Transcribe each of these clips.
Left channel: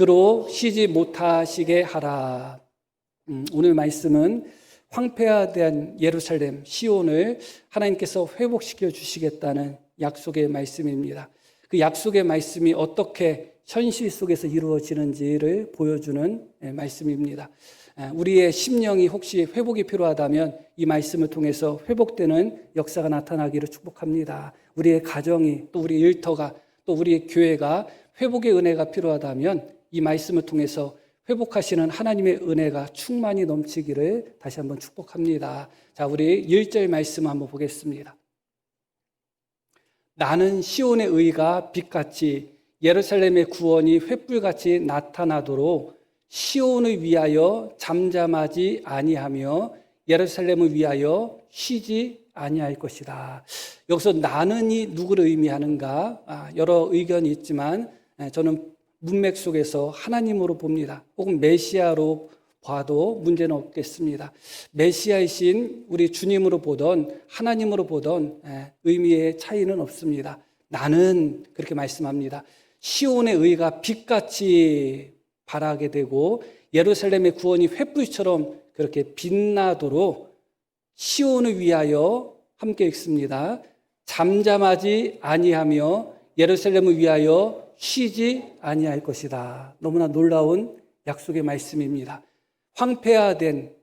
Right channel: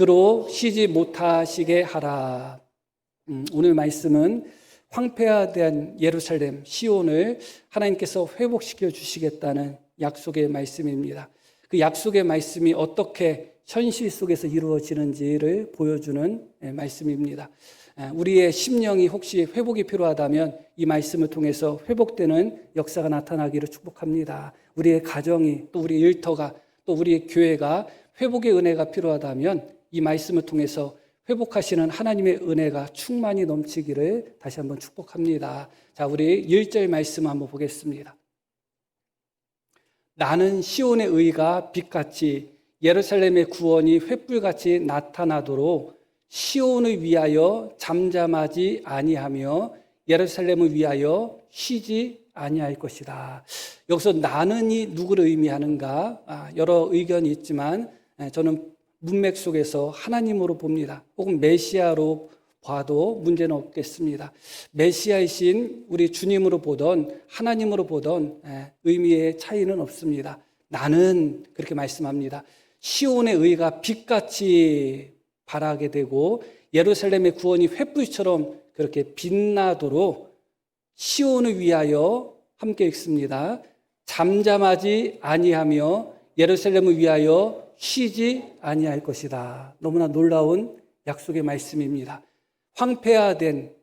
그로 쉬지 못하시게 하라. 오늘 말씀은 황폐화된 예루살렘 시온을 하나님께서 회복시켜 주시겠다는 약속의 말씀입니다. 그 약속의 말씀이 어떻게 현실 속에서 이루어지는지를 보여주는 말씀입니다. 우리의 심령이 혹시 회복이 필요하다면 이 말씀을 통해서 회복되는 역사가 나타나기를 축복합니다. 우리의 가정에, 또 우리 일터가, 또 우리의 교회가 회복의 은혜가 필요하다면 이 말씀을 통해서 회복하시는 하나님의 은혜가 충만히 넘치기를 다시 한번 축복합니다. 자, 우리 1절 말씀 한번 보겠습니다. 나는 시온의 의가 빛같이 예루살렘의 구원이 횃불같이 나타나도록 시온을 위하여 잠잠하지 아니하며 예루살렘을 위하여 쉬지 아니할 것이다. 여기서 나는이 누구를 의미하는가? 여러 의견이 있지만 저는 문맥 속에서 하나님으로 봅니다. 혹은 메시아로 봐도 문제는 없겠습니다. 메시아이신 우리 주님으로 보던 하나님으로 보던 의미의 차이는 없습니다. 나는 그렇게 말씀합니다. 시온의 의가 빛같이 발하게 되고 예루살렘의 구원이 횃불처럼 그렇게 빛나도록 시온을 위하여 함께 읽습니다. 잠잠하지 아니하며 예루살렘을 위하여 쉬지 아니할 것이다. 너무나 놀라운 약속의 말씀입니다. 황폐화된,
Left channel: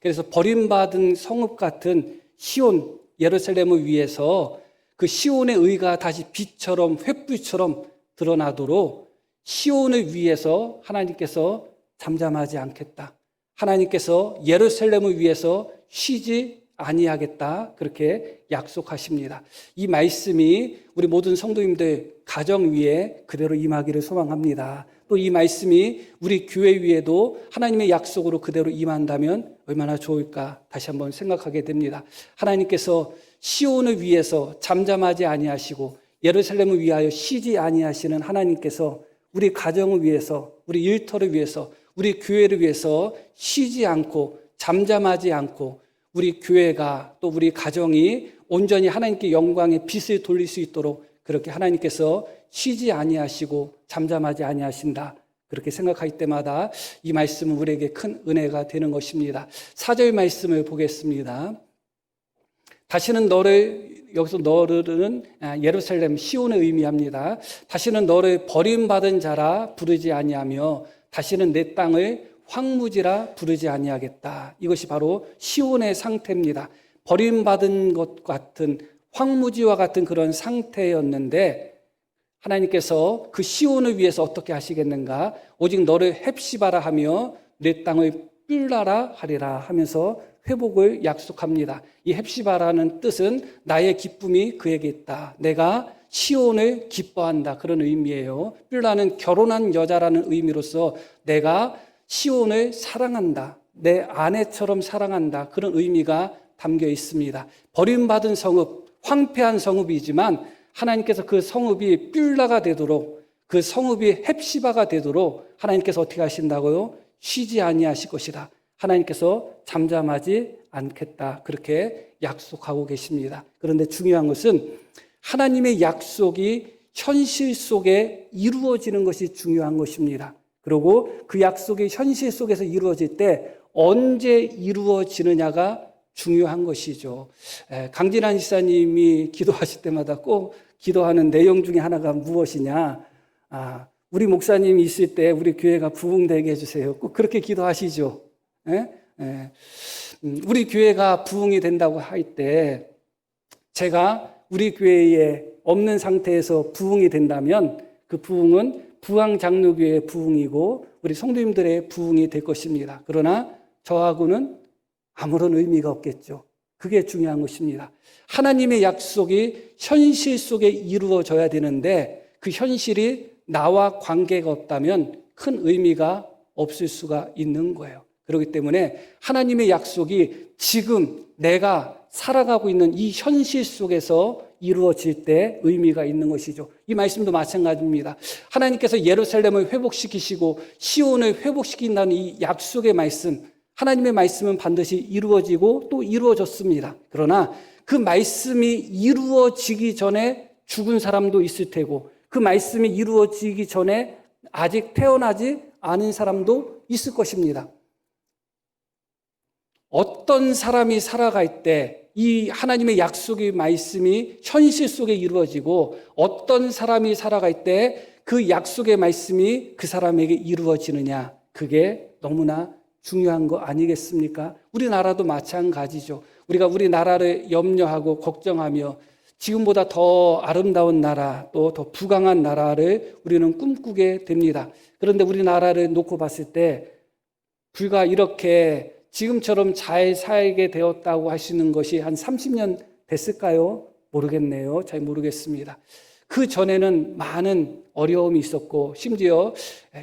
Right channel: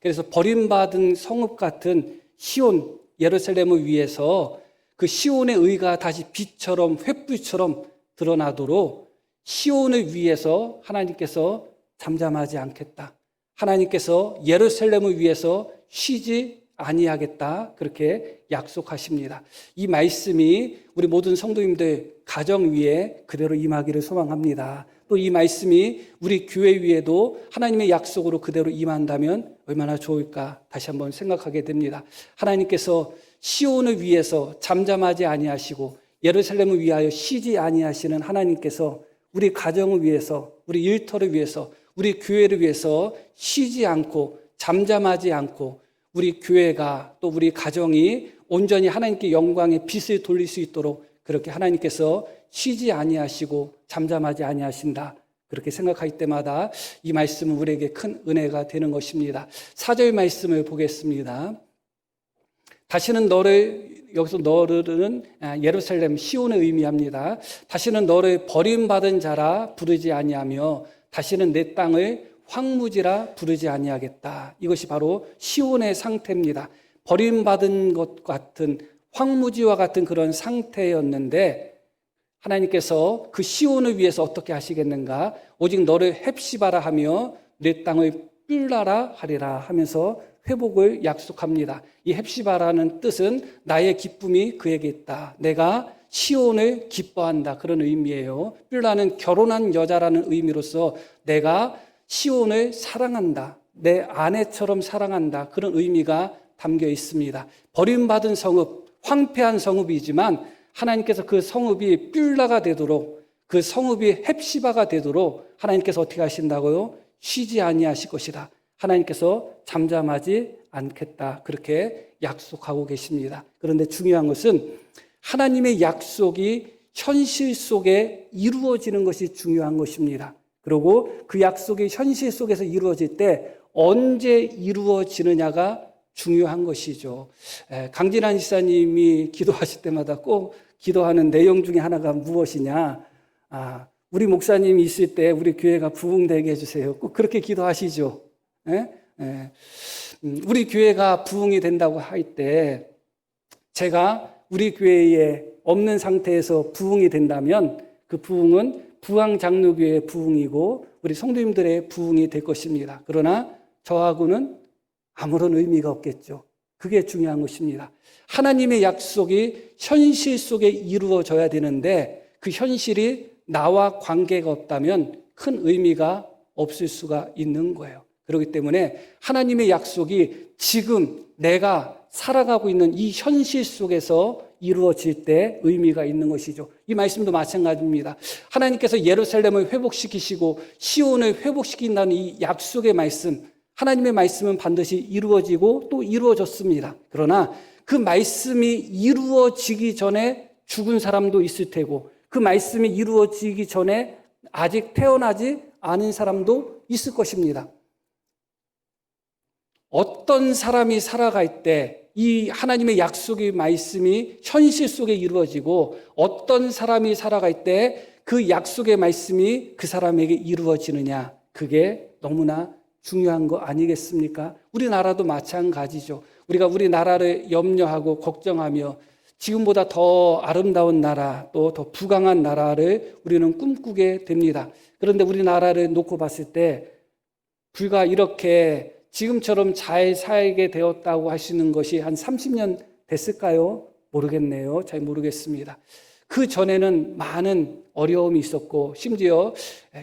그래서 버림받은 성읍 같은 시온 예루살렘을 위해서 그 시온의 의가 다시 빛처럼 횃불처럼 드러나도록 시온을 위해서 하나님께서 잠잠하지 않겠다. 하나님께서 예루살렘을 위해서 쉬지 아니하겠다. 그렇게 약속하십니다. 이 말씀이 우리 모든 성도님들 가정 위에 그대로 임하기를 소망합니다. 또 이 말씀이 우리 교회 위에도 하나님의 약속으로 그대로 임한다면 얼마나 좋을까 다시 한번 생각하게 됩니다. 하나님께서 시온을 위해서 잠잠하지 아니하시고 예루살렘을 위하여 쉬지 아니하시는 하나님께서 우리 가정을 위해서, 우리 일터를 위해서, 우리 교회를 위해서 쉬지 않고 잠잠하지 않고 우리 교회가 또 우리 가정이 온전히 하나님께 영광의 빛을 돌릴 수 있도록 그렇게 하나님께서 쉬지 아니하시고 잠잠하지 아니하신다. 그렇게 생각할 때마다 이 말씀은 우리에게 큰 은혜가 되는 것입니다. 4절 말씀을 보겠습니다. 다시는 너를, 여기서 너를 예루살렘 시온을 의미합니다. 다시는 너를 버림받은 자라 부르지 아니하며 다시는 내 땅을 황무지라 부르지 아니하겠다. 이것이 바로 시온의 상태입니다. 버림받은 것 같은 황무지와 같은 그런 상태였는데 하나님께서 그 시온을 위해서 어떻게 하시겠는가? 오직 너를 헵시바라 하며 내 땅을 뿔라라 하리라 하면서 회복을 약속합니다. 이 헵시바라는 뜻은 나의 기쁨이 그에게 있다. 내가 시온을 기뻐한다. 그런 의미예요. 뿔라는 결혼한 여자라는 의미로서 내가 시온을 사랑한다. 내 아내처럼 사랑한다. 그런 의미가 담겨 있습니다. 버림받은 성읍, 황폐한 성읍이지만 하나님께서 그 성읍이 뿔라가 되도록, 그 성읍이 헵시바가 되도록 하나님께서 어떻게 하신다고요? 쉬지 아니하실 것이다. 하나님께서 잠잠하지 않겠다. 그렇게 약속하고 계십니다. 그런데 중요한 것은 하나님의 약속이 현실 속에 이루어지는 것이 중요한 것입니다. 그리고 그 약속이 현실 속에서 이루어질 때 언제 이루어지느냐가 중요한 것이죠. 강진환 지사님이 기도하실 때마다 꼭 기도하는 내용 중에 하나가 무엇이냐? 우리 목사님이 있을 때 우리 교회가 부흥되게 해주세요. 꼭 그렇게 기도하시죠. 우리 교회가 부흥이 된다고 할 때 제가 우리 교회에 없는 상태에서 부흥이 된다면 그 부흥은 부흥장로교회의 부흥이고 우리 성도님들의 부흥이 될 것입니다. 그러나 저하고는 아무런 의미가 없겠죠. 그게 중요한 것입니다. 하나님의 약속이 현실 속에 이루어져야 되는데 그 현실이 나와 관계가 없다면 큰 의미가 없을 수가 있는 거예요. 그렇기 때문에 하나님의 약속이 지금 내가 살아가고 있는 이 현실 속에서 이루어질 때 의미가 있는 것이죠. 이 말씀도 마찬가지입니다. 하나님께서 예루살렘을 회복시키시고 시온을 회복시킨다는 이 약속의 말씀, 하나님의 말씀은 반드시 이루어지고 또 이루어졌습니다. 그러나 그 말씀이 이루어지기 전에 죽은 사람도 있을 테고 그 말씀이 이루어지기 전에 아직 태어나지 않은 사람도 있을 것입니다. 어떤 사람이 살아갈 때 이 하나님의 약속의 말씀이 현실 속에 이루어지고 어떤 사람이 살아갈 때 그 약속의 말씀이 그 사람에게 이루어지느냐, 그게 너무나 중요한 거 아니겠습니까? 우리나라도 마찬가지죠. 우리가 우리나라를 염려하고 걱정하며 지금보다 더 아름다운 나라, 또 더 부강한 나라를 우리는 꿈꾸게 됩니다. 그런데 우리나라를 놓고 봤을 때 불과 이렇게 지금처럼 잘 살게 되었다고 하시는 것이 한 30년 됐을까요? 모르겠네요. 잘 모르겠습니다. 그 전에는 많은 어려움이 있었고 심지어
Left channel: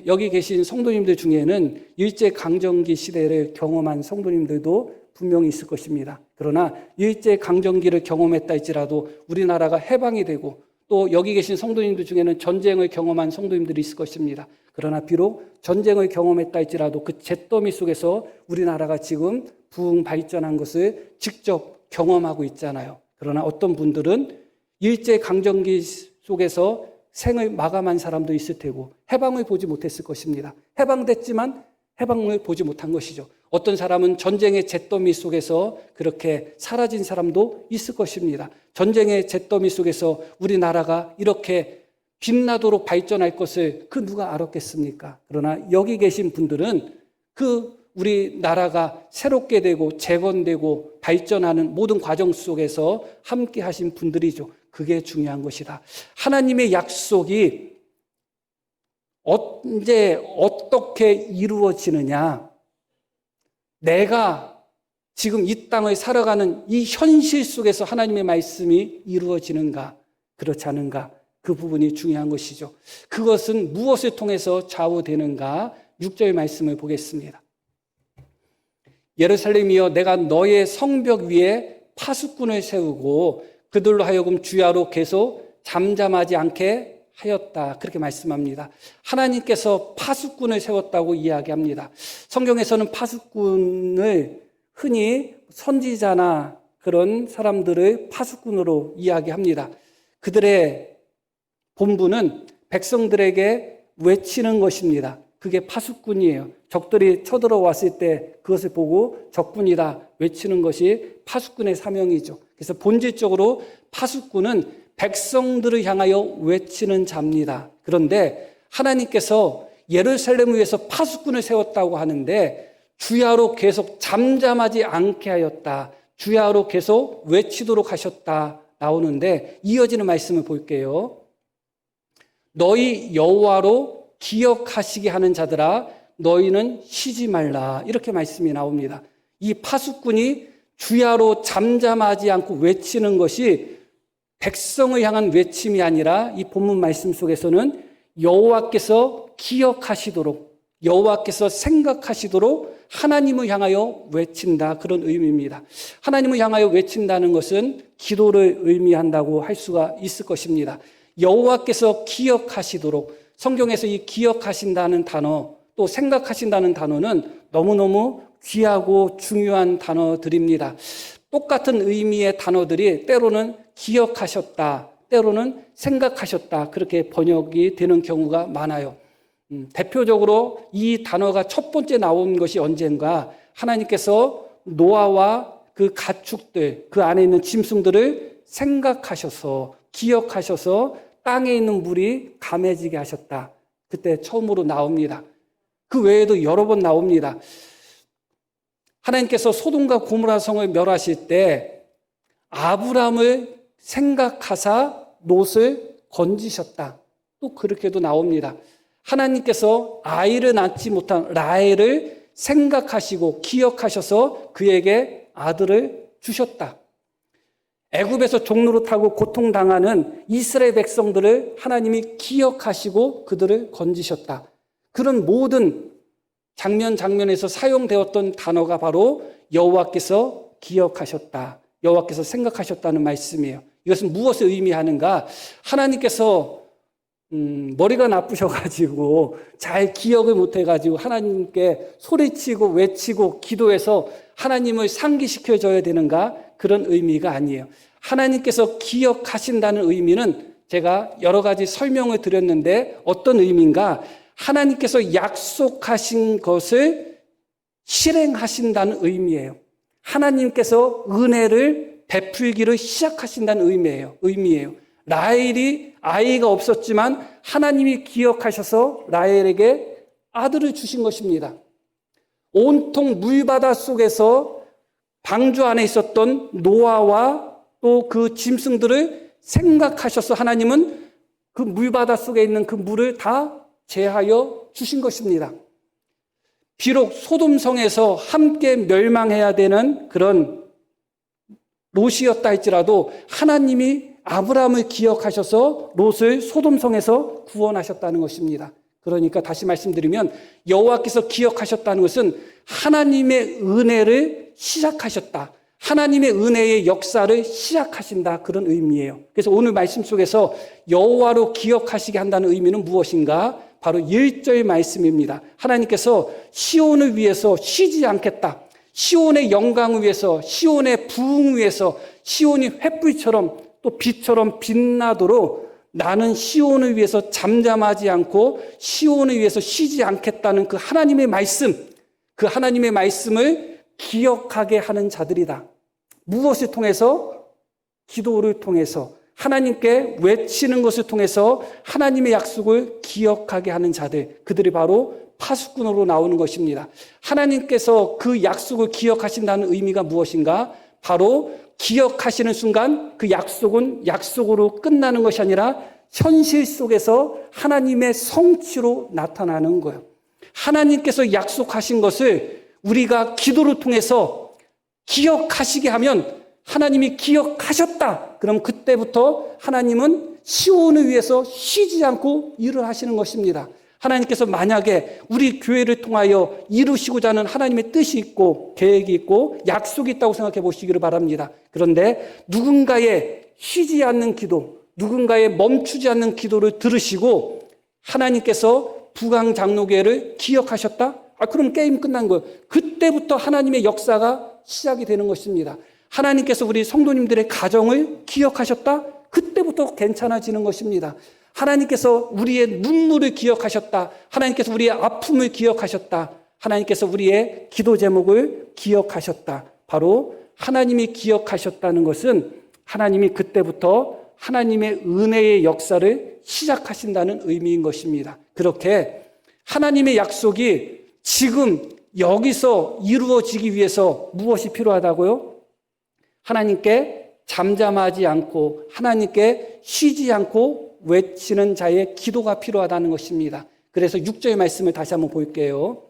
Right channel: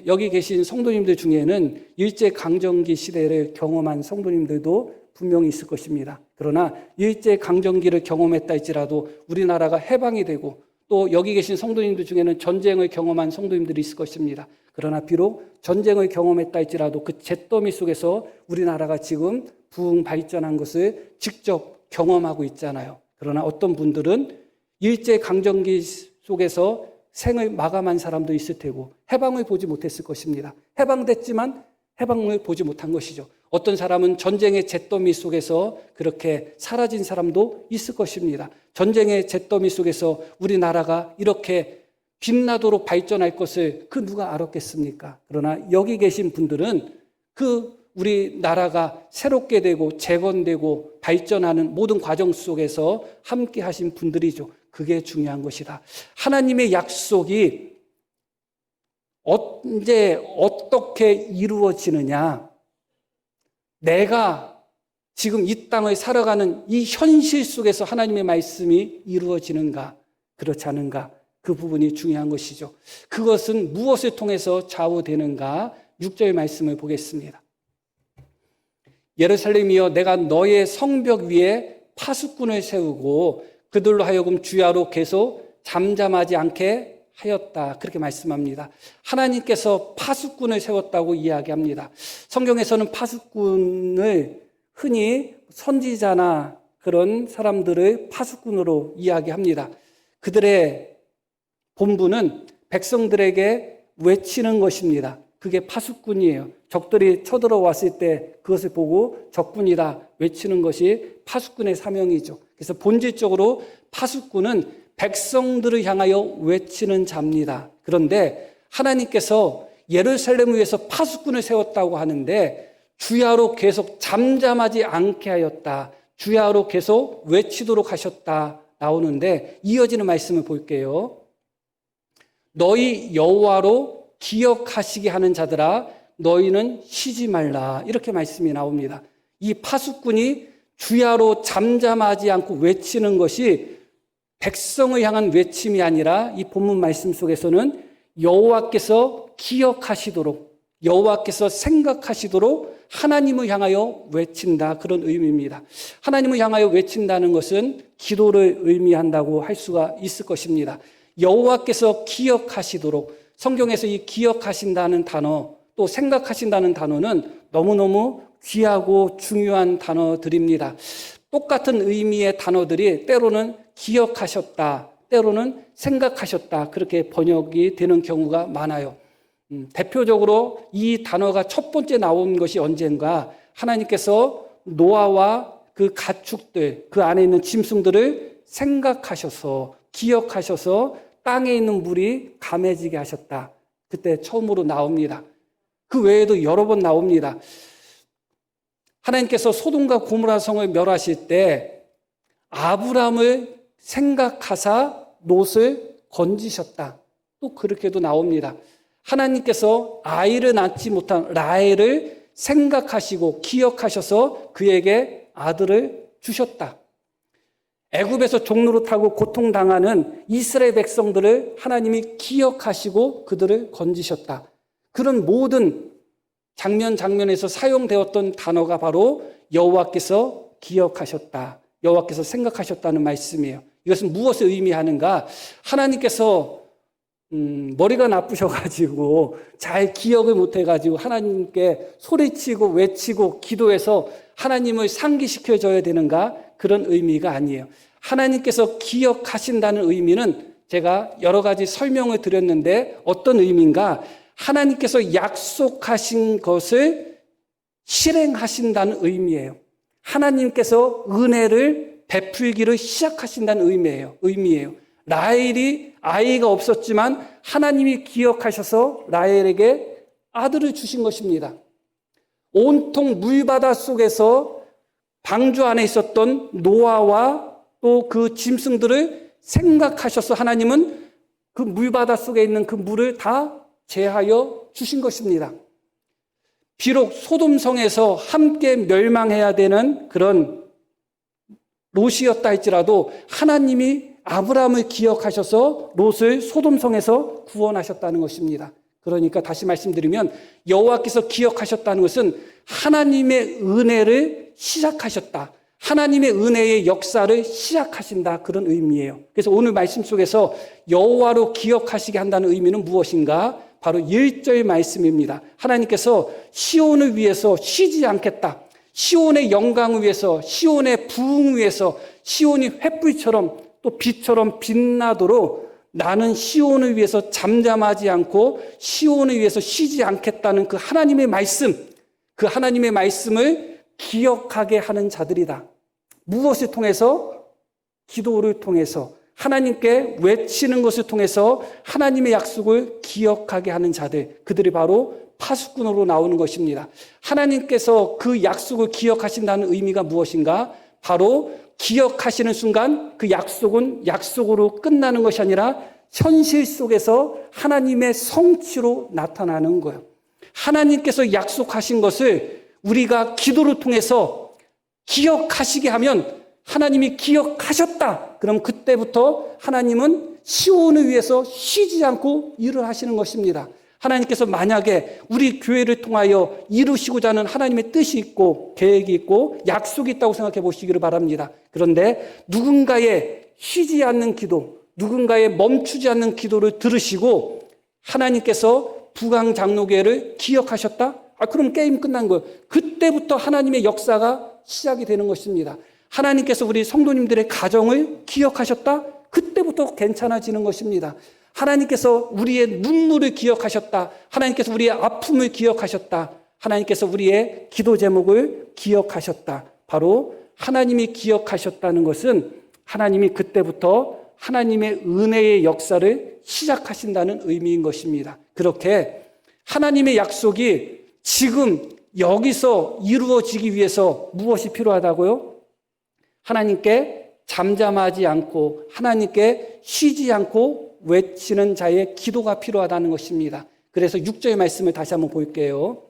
여기 계신 성도님들 중에는 일제강점기 시대를 경험한 성도님들도 분명히 있을 것입니다. 그러나 일제강점기를 경험했다 할지라도 우리나라가 해방이 되고 또 여기 계신 성도님들 중에는 전쟁을 경험한 성도님들이 있을 것입니다. 그러나 비록 전쟁을 경험했다 할지라도 그 잿더미 속에서 우리나라가 지금 부흥 발전한 것을 직접 경험하고 있잖아요. 그러나 어떤 분들은 일제강점기 속에서 생을 마감한 사람도 있을 테고 해방을 보지 못했을 것입니다. 해방됐지만 해방을 보지 못한 것이죠. 어떤 사람은 전쟁의 잿더미 속에서 그렇게 사라진 사람도 있을 것입니다. 전쟁의 잿더미 속에서 우리나라가 이렇게 빛나도록 발전할 것을 그 누가 알았겠습니까? 그러나 여기 계신 분들은 그 우리나라가 새롭게 되고 재건되고 발전하는 모든 과정 속에서 함께 하신 분들이죠. 그게 중요한 것이다. 하나님의 약속이 언제 어떻게 이루어지느냐? 내가 지금 이 땅을 살아가는 이 현실 속에서 하나님의 말씀이 이루어지는가? 그렇지 않은가? 그 부분이 중요한 것이죠. 그것은 무엇을 통해서 좌우되는가? 6절 말씀을 보겠습니다. 예루살렘이여 내가 너의 성벽 위에 파수꾼을 세우고 그들로 하여금 주야로 계속 잠잠하지 않게 하였다. 그렇게 말씀합니다. 하나님께서 파수꾼을 세웠다고 이야기합니다. 성경에서는 파수꾼을 흔히 선지자나 그런 사람들을 파수꾼으로 이야기합니다. 그들의 본분은 백성들에게 외치는 것입니다. 그게 파수꾼이에요. 적들이 쳐들어왔을 때 그것을 보고 적군이다 외치는 것이 파수꾼의 사명이죠. 그래서 본질적으로 파수꾼은 백성들을 향하여 외치는 자입니다. 그런데 하나님께서 예루살렘을 위해서 파수꾼을 세웠다고 하는데 주야로 계속 잠잠하지 않게 하였다. 주야로 계속 외치도록 하셨다 나오는데 이어지는 말씀을 볼게요. 너희 여호와로 기억하시게 하는 자들아 너희는 쉬지 말라. 이렇게 말씀이 나옵니다. 이 파수꾼이 주야로 잠잠하지 않고 외치는 것이 백성을 향한 외침이 아니라 이 본문 말씀 속에서는 여호와께서 기억하시도록 여호와께서 생각하시도록 하나님을 향하여 외친다. 그런 의미입니다. 하나님을 향하여 외친다는 것은 기도를 의미한다고 할 수가 있을 것입니다. 여호와께서 기억하시도록 성경에서 이 기억하신다는 단어 또 생각하신다는 단어는 너무너무 귀하고 중요한 단어들입니다. 똑같은 의미의 단어들이 때로는 기억하셨다, 때로는 생각하셨다 그렇게 번역이 되는 경우가 많아요. 대표적으로 이 단어가 첫 번째 나온 것이 언젠가 하나님께서 노아와 그 가축들 그 안에 있는 짐승들을 생각하셔서 기억하셔서 땅에 있는 물이 감해지게 하셨다. 그때 처음으로 나옵니다. 그 외에도 여러 번 나옵니다. 하나님께서 소돔과 고모라 성을 멸하실 때 아브람을 생각하사 롯을 건지셨다. 또 그렇게도 나옵니다. 하나님께서 아이를 낳지 못한 라헬을 생각하시고 기억하셔서 그에게 아들을 주셨다. 애굽에서 종로를 타고 고통당하는 이스라엘 백성들을 하나님이 기억하시고 그들을 건지셨다. 그런 모든 장면에서 사용되었던 단어가 바로 여호와께서 기억하셨다. 여호와께서 생각하셨다는 말씀이에요. 이것은 무엇을 의미하는가? 하나님께서 머리가 나쁘셔가지고 잘 기억을 못해가지고 하나님께 소리치고 외치고 기도해서 하나님을 상기시켜줘야 되는가? 그런 의미가 아니에요. 하나님께서 기억하신다는 의미는 제가 여러 가지 설명을 드렸는데 어떤 의미인가? 하나님께서 약속하신 것을 실행하신다는 의미예요. 하나님께서 은혜를 베풀기를 시작하신다는 의미예요. 라헬이 아이가 없었지만 하나님이 기억하셔서 라헬에게 아들을 주신 것입니다. 온통 물바다 속에서 방주 안에 있었던 노아와 또 그 짐승들을 생각하셔서 하나님은 그 물바다 속에 있는 그 물을 다 제하여 주신 것입니다. 비록 소돔성에서 함께 멸망해야 되는 그런 롯이었다 할지라도 하나님이 아브라함을 기억하셔서 롯을 소돔성에서 구원하셨다는 것입니다. 그러니까 다시 말씀드리면 여호와께서 기억하셨다는 것은 하나님의 은혜를 시작하셨다. 하나님의 은혜의 역사를 시작하신다. 그런 의미예요. 그래서 오늘 말씀 속에서 여호와로 기억하시게 한다는 의미는 무엇인가? 바로 1절 말씀입니다. 하나님께서 시온을 위해서 쉬지 않겠다. 시온의 영광을 위해서, 시온의 부흥을 위해서, 시온이 횃불처럼 또 빛처럼 빛나도록 나는 시온을 위해서 잠잠하지 않고 시온을 위해서 쉬지 않겠다는 그 하나님의 말씀, 그 하나님의 말씀을 기억하게 하는 자들이다. 무엇을 통해서? 기도를 통해서, 하나님께 외치는 것을 통해서 하나님의 약속을 기억하게 하는 자들, 그들이 바로 파수꾼으로 나오는 것입니다. 하나님께서 그 약속을 기억하신다는 의미가 무엇인가? 바로 기억하시는 순간 그 약속은 약속으로 끝나는 것이 아니라 현실 속에서 하나님의 성취로 나타나는 거예요. 하나님께서 약속하신 것을 우리가 기도를 통해서 기억하시게 하면 하나님이 기억하셨다. 그럼 그때부터 하나님은 시온을 위해서 쉬지 않고 일을 하시는 것입니다. 하나님께서 만약에 우리 교회를 통하여 이루시고자 하는 하나님의 뜻이 있고 계획이 있고 약속이 있다고 생각해 보시기를 바랍니다. 그런데 누군가의 쉬지 않는 기도, 누군가의 멈추지 않는 기도를 들으시고 하나님께서 부강장로교회를 기억하셨다? 그럼 게임 끝난 거예요. 그때부터 하나님의 역사가 시작이 되는 것입니다. 하나님께서 우리 성도님들의 가정을 기억하셨다? 그때부터 괜찮아지는 것입니다. 하나님께서 우리의 눈물을 기억하셨다. 하나님께서 우리의 아픔을 기억하셨다. 하나님께서 우리의 기도 제목을 기억하셨다. 바로 하나님이 기억하셨다는 것은 하나님이 그때부터 하나님의 은혜의 역사를 시작하신다는 의미인 것입니다. 그렇게 하나님의 약속이 지금 여기서 이루어지기 위해서 무엇이 필요하다고요? 하나님께 잠잠하지 않고 하나님께 쉬지 않고 외치는 자의 기도가 필요하다는 것입니다. 그래서 6절의 말씀을 다시 한번 볼게요.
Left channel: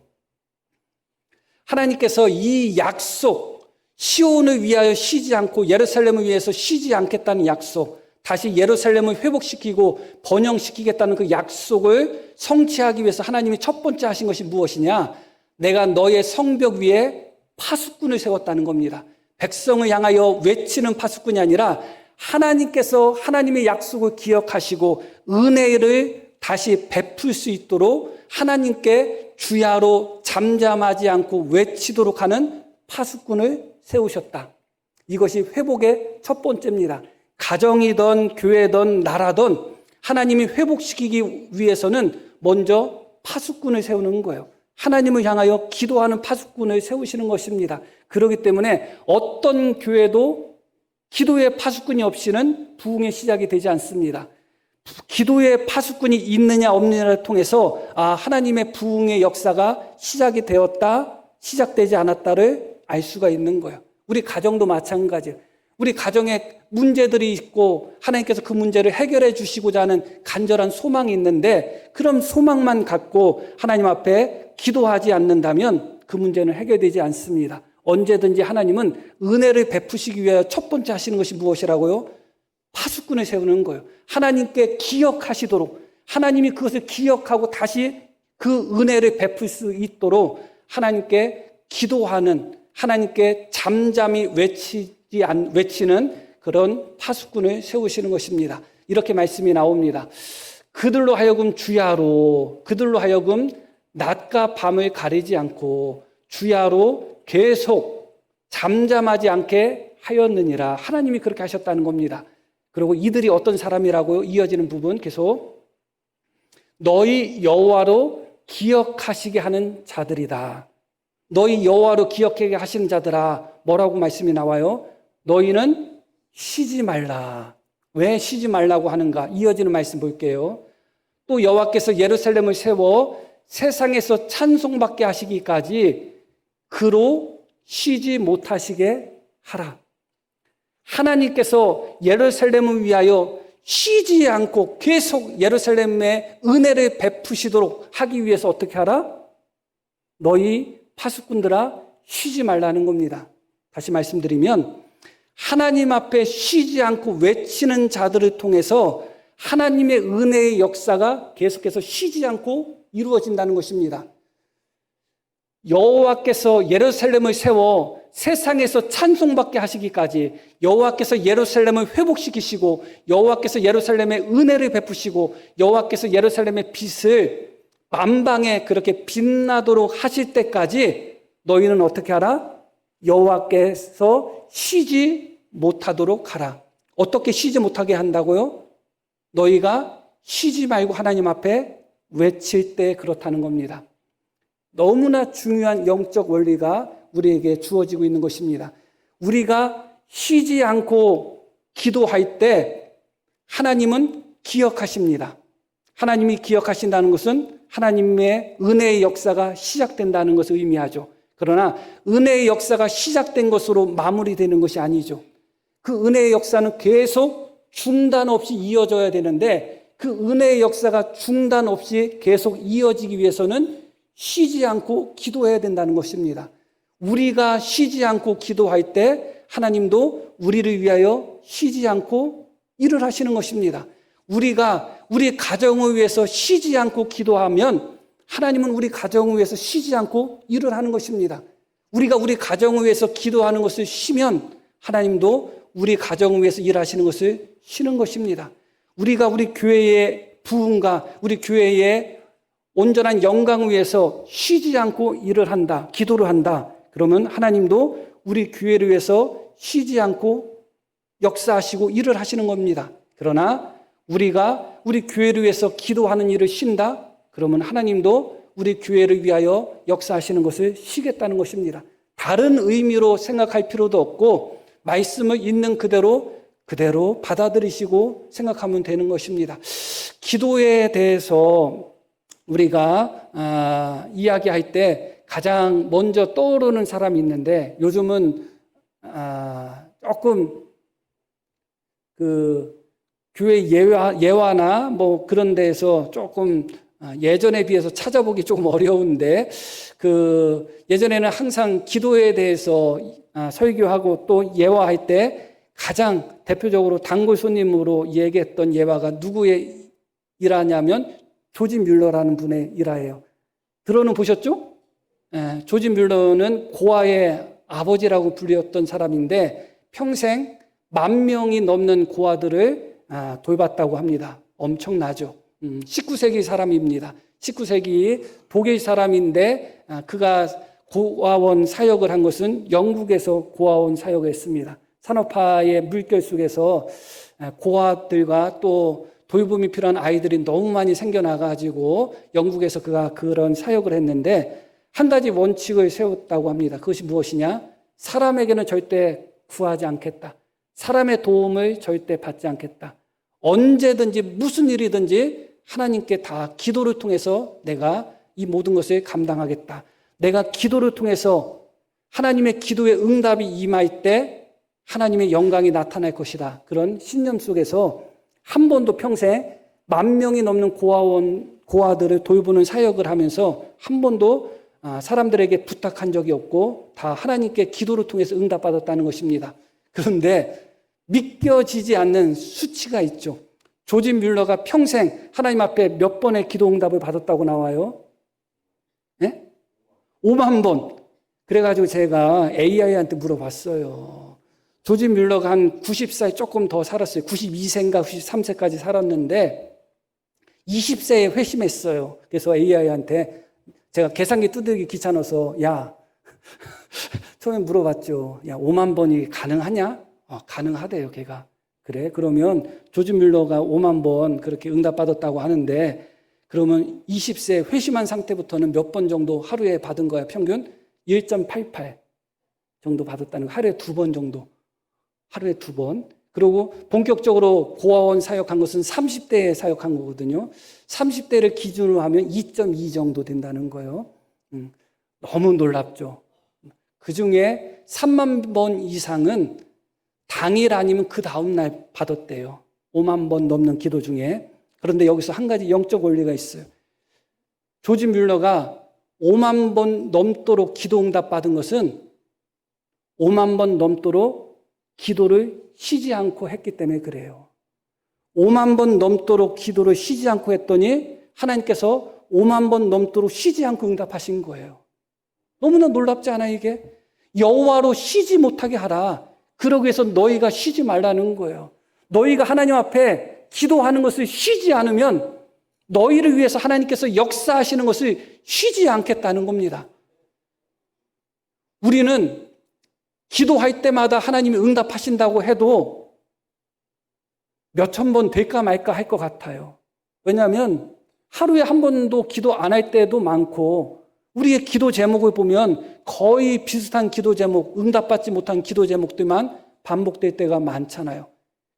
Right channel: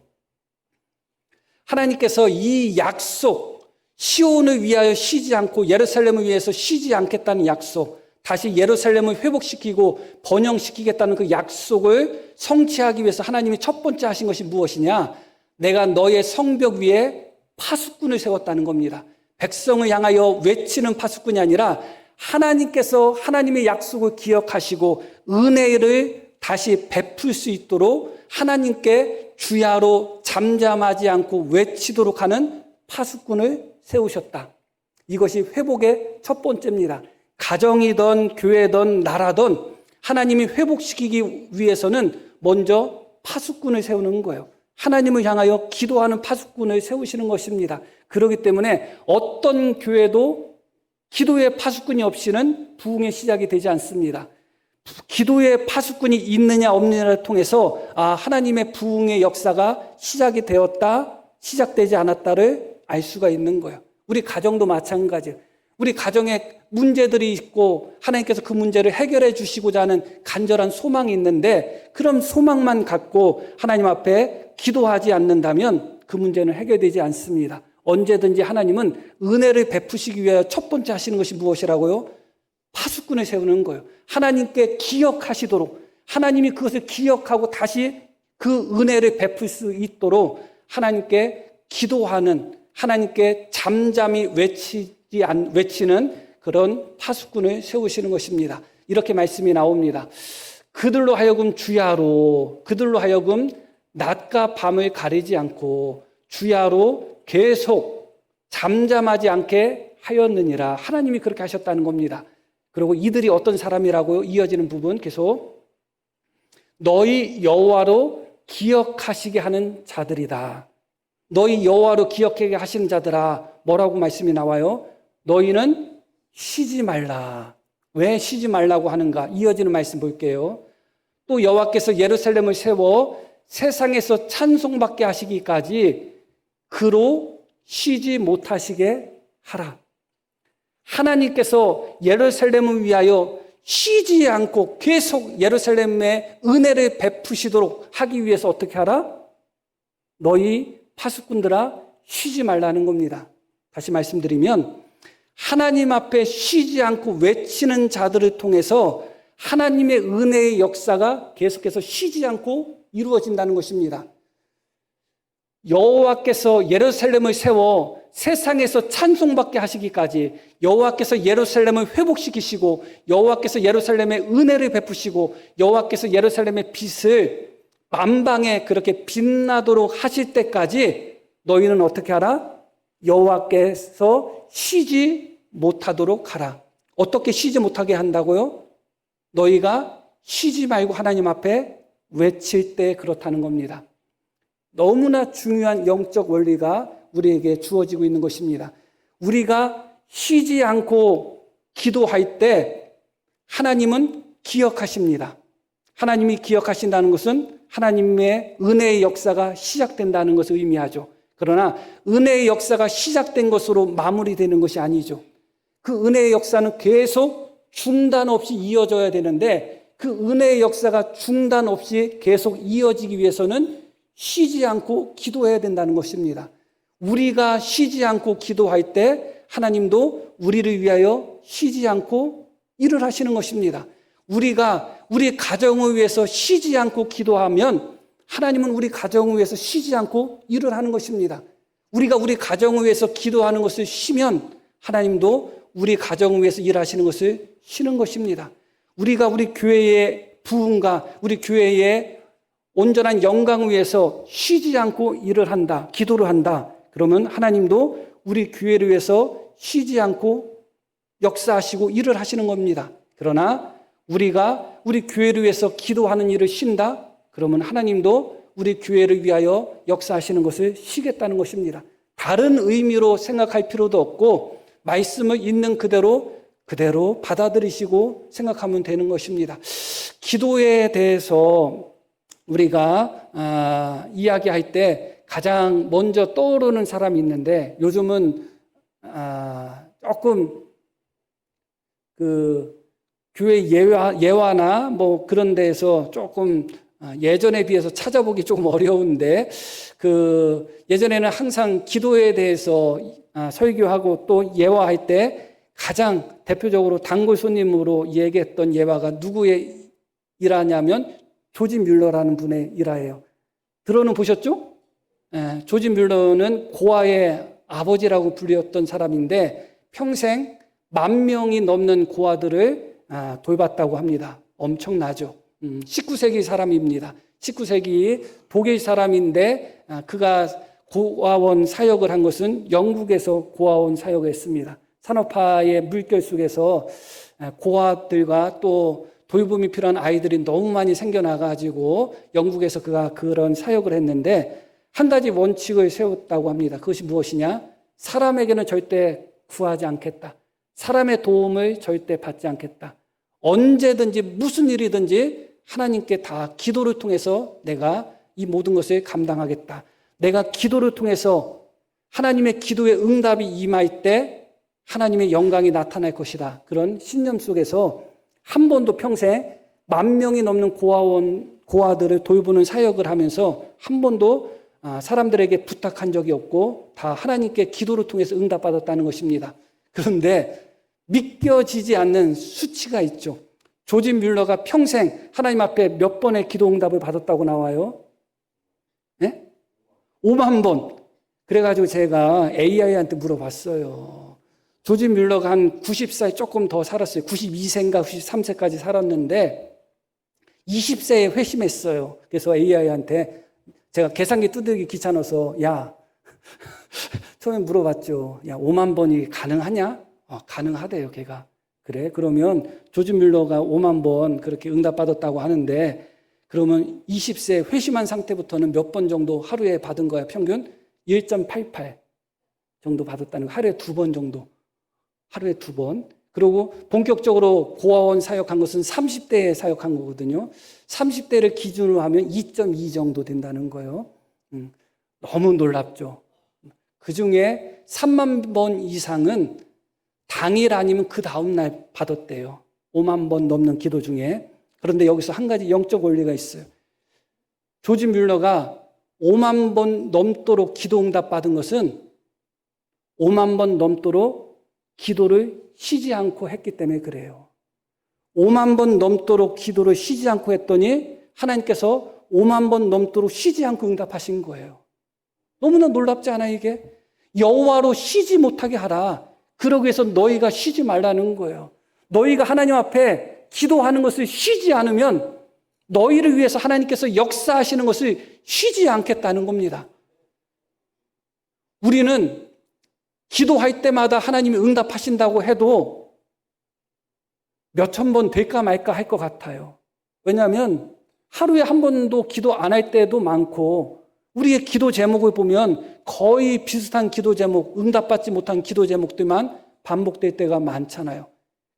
하나님께서 이 약속, 시온을 위하여 쉬지 않고 예루살렘을 위해서 쉬지 않겠다는 약속, 다시 예루살렘을 회복시키고 번영시키겠다는 그 약속을 성취하기 위해서 하나님이 첫 번째 하신 것이 무엇이냐? 내가 너의 성벽 위에 파수꾼을 세웠다는 겁니다. 백성을 향하여 외치는 파수꾼이 아니라 하나님께서 하나님의 약속을 기억하시고 은혜를 다시 베풀 수 있도록 하나님께 주야로 잠잠하지 않고 외치도록 하는 파수꾼을 세우셨다. 이것이 회복의 첫 번째입니다. 가정이든 교회든 나라든 하나님이 회복시키기 위해서는 먼저 파수꾼을 세우는 거예요. 하나님을 향하여 기도하는 파수꾼을 세우시는 것입니다. 그렇기 때문에 어떤 교회도 기도의 파수꾼이 없이는 부흥의 시작이 되지 않습니다. 기도의 파수꾼이 있느냐 없느냐를 통해서 하나님의 부흥의 역사가 시작이 되었다, 시작되지 않았다를 알 수가 있는 거예요. 우리 가정도 마찬가지예요. 우리 가정에 문제들이 있고 하나님께서 그 문제를 해결해 주시고자 하는 간절한 소망이 있는데 그럼 소망만 갖고 하나님 앞에 기도하지 않는다면 그 문제는 해결되지 않습니다. 언제든지 하나님은 은혜를 베푸시기 위해 첫 번째 하시는 것이 무엇이라고요? 파수꾼을 세우는 거예요. 하나님께 기억하시도록, 하나님이 그것을 기억하고 다시 그 은혜를 베풀 수 있도록 하나님께 기도하는, 하나님께 잠잠히 외치는 그런 파수꾼을 세우시는 것입니다. 이렇게 말씀이 나옵니다. 그들로 하여금 주야로, 그들로 하여금 낮과 밤을 가리지 않고 주야로 계속 잠잠하지 않게 하였느니라. 하나님이 그렇게 하셨다는 겁니다. 그리고 이들이 어떤 사람이라고 이어지는 부분 계속 너희 여호와로 기억하시게 하는 자들이다. 너희 여호와로 기억하게 하시는 자들아, 뭐라고 말씀이 나와요? 너희는 쉬지 말라. 왜 쉬지 말라고 하는가? 이어지는 말씀 볼게요. 또 여호와께서 예루살렘을 세워 세상에서 찬송받게 하시기까지 그로 쉬지 못하시게 하라. 하나님께서 예루살렘을 위하여 쉬지 않고 계속 예루살렘에 은혜를 베푸시도록 하기 위해서 어떻게 하라? 너희 파수꾼들아 쉬지 말라는 겁니다. 다시 말씀드리면 하나님 앞에 쉬지 않고 외치는 자들을 통해서 하나님의 은혜의 역사가 계속해서 쉬지 않고 이루어진다는 것입니다. 여호와께서 예루살렘을 세워 세상에서 찬송받게 하시기까지 여호와께서 예루살렘을 회복시키시고 여호와께서 예루살렘에 은혜를 베푸시고 여호와께서 예루살렘의 빛을 만방에 그렇게 빛나도록 하실 때까지 너희는 어떻게 하라? 여호와께서 쉬지 못하도록 하라. 어떻게 쉬지 못하게 한다고요? 너희가 쉬지 말고 하나님 앞에 외칠 때 그렇다는 겁니다. 너무나 중요한 영적 원리가 우리에게 주어지고 있는 것입니다. 우리가 쉬지 않고 기도할 때 하나님은 기억하십니다. 하나님이 기억하신다는 것은 하나님의 은혜의 역사가 시작된다는 것을 의미하죠. 그러나 은혜의 역사가 시작된 것으로 마무리되는 것이 아니죠. 그 은혜의 역사는 계속 중단 없이 이어져야 되는데 그 은혜의 역사가 중단 없이 계속 이어지기 위해서는 쉬지 않고 기도해야 된다는 것입니다. 우리가 쉬지 않고 기도할 때 하나님도 우리를 위하여 쉬지 않고 일을 하시는 것입니다. 우리가 우리 가정을 위해서 쉬지 않고 기도하면 하나님은 우리 가정을 위해서 쉬지 않고 일을 하는 것입니다. 우리가 우리 가정을 위해서 기도하는 것을 쉬면 하나님도 우리 가정을 위해서 일하시는 것을 쉬는 것입니다. 우리가 우리 교회의 부흥과 우리 교회의 온전한 영광을 위해서 쉬지 않고 일을 한다, 기도를 한다. 그러면 하나님도 우리 교회를 위해서 쉬지 않고 역사하시고 일을 하시는 겁니다. 그러나 우리가 우리 교회를 위해서 기도하는 일을 쉰다? 그러면 하나님도 우리 교회를 위하여 역사하시는 것을 쉬겠다는 것입니다. 다른 의미로 생각할 필요도 없고 말씀을 있는 그대로 받아들이시고 생각하면 되는 것입니다. 기도에 대해서 우리가 이야기할 때 가장 먼저 떠오르는 사람이 있는데 요즘은 조금 그 교회 예화나 뭐 그런 데에서 조금 예전에 비해서 찾아보기 조금 어려운데 예전에는 항상 기도에 대해서 설교하고 또 예화할 때 가장 대표적으로 단골 손님으로 얘기했던 예화가 누구의 일화냐면 조지 뮬러라는 분의 일화예요. 들어는 보셨죠? 조지 뮬러는 고아의 아버지라고 불렸던 사람인데 평생 10,000명이 넘는 고아들을 돌봤다고 합니다. 엄청나죠. 19세기 사람입니다. 19세기 독일 사람인데 그가 고아원 사역을 한 것은 영국에서 고아원 사역을 했습니다. 산업화의 물결 속에서 고아들과 또 돌봄이 필요한 아이들이 너무 많이 생겨나가지고 영국에서 그가 그런 사역을 했는데 한 가지 원칙을 세웠다고 합니다. 그것이 무엇이냐? 사람에게는 절대 구하지 않겠다. 사람의 도움을 절대 받지 않겠다. 언제든지 무슨 일이든지 하나님께 다 기도를 통해서 내가 이 모든 것을 감당하겠다. 내가 기도를 통해서 하나님의 기도의 응답이 임할 때 하나님의 영광이 나타날 것이다. 그런 신념 속에서 한 번도 평생 10,000명이 넘는 고아들을 돌보는 사역을 하면서 한 번도 사람들에게 부탁한 적이 없고 다 하나님께 기도를 통해서 응답받았다는 것입니다. 그런데 믿겨지지 않는 수치가 있죠. 조지 뮬러가 평생 하나님 앞에 몇 번의 기도 응답을 받았다고 나와요? 네? 5만 번. 그래가지고 제가 AI한테 물어봤어요. 조지 뮬러가 한 90살 조금 더 살았어요. 92세인가 93세까지 살았는데 20세에 회심했어요. 그래서 AI한테 제가 계산기 두들기 귀찮아서 처음에 물어봤죠. 5만 번이 가능하냐? 가능하대요, 걔가. 그래? 그러면 조지 뮬러가 5만 번 그렇게 응답받았다고 하는데 그러면 20세 회심한 상태부터는 몇 번 정도 하루에 받은 거야? 평균 1.88 정도 받았다는 거. 하루에 2번 정도. 하루에 2번. 그리고 본격적으로 고아원 사역한 것은 30대에 사역한 거거든요. 30대를 기준으로 하면 2.2 정도 된다는 거예요. 너무 놀랍죠. 그 중에 3만 번 이상은 당일 아니면 그 다음날 받았대요. 5만 번 넘는 기도 중에. 그런데 여기서 한 가지 영적 원리가 있어요. 조지 뮬러가 5만 번 넘도록 기도 응답 받은 것은 5만 번 넘도록 기도를 쉬지 않고 했기 때문에 그래요. 5만 번 넘도록 기도를 쉬지 않고 했더니 하나님께서 5만 번 넘도록 쉬지 않고 응답하신 거예요. 너무나 놀랍지 않아요, 이게? 여호와로 쉬지 못하게 하라. 그러기 위해서 너희가 쉬지 말라는 거예요. 너희가 하나님 앞에 기도하는 것을 쉬지 않으면 너희를 위해서 하나님께서 역사하시는 것을 쉬지 않겠다는 겁니다. 우리는 기도할 때마다 하나님이 응답하신다고 해도 몇천 번 될까 말까 할 것 같아요. 왜냐하면 하루에 한 번도 기도 안 할 때도 많고 우리의 기도 제목을 보면 거의 비슷한 기도 제목, 응답받지 못한 기도 제목들만 반복될 때가 많잖아요.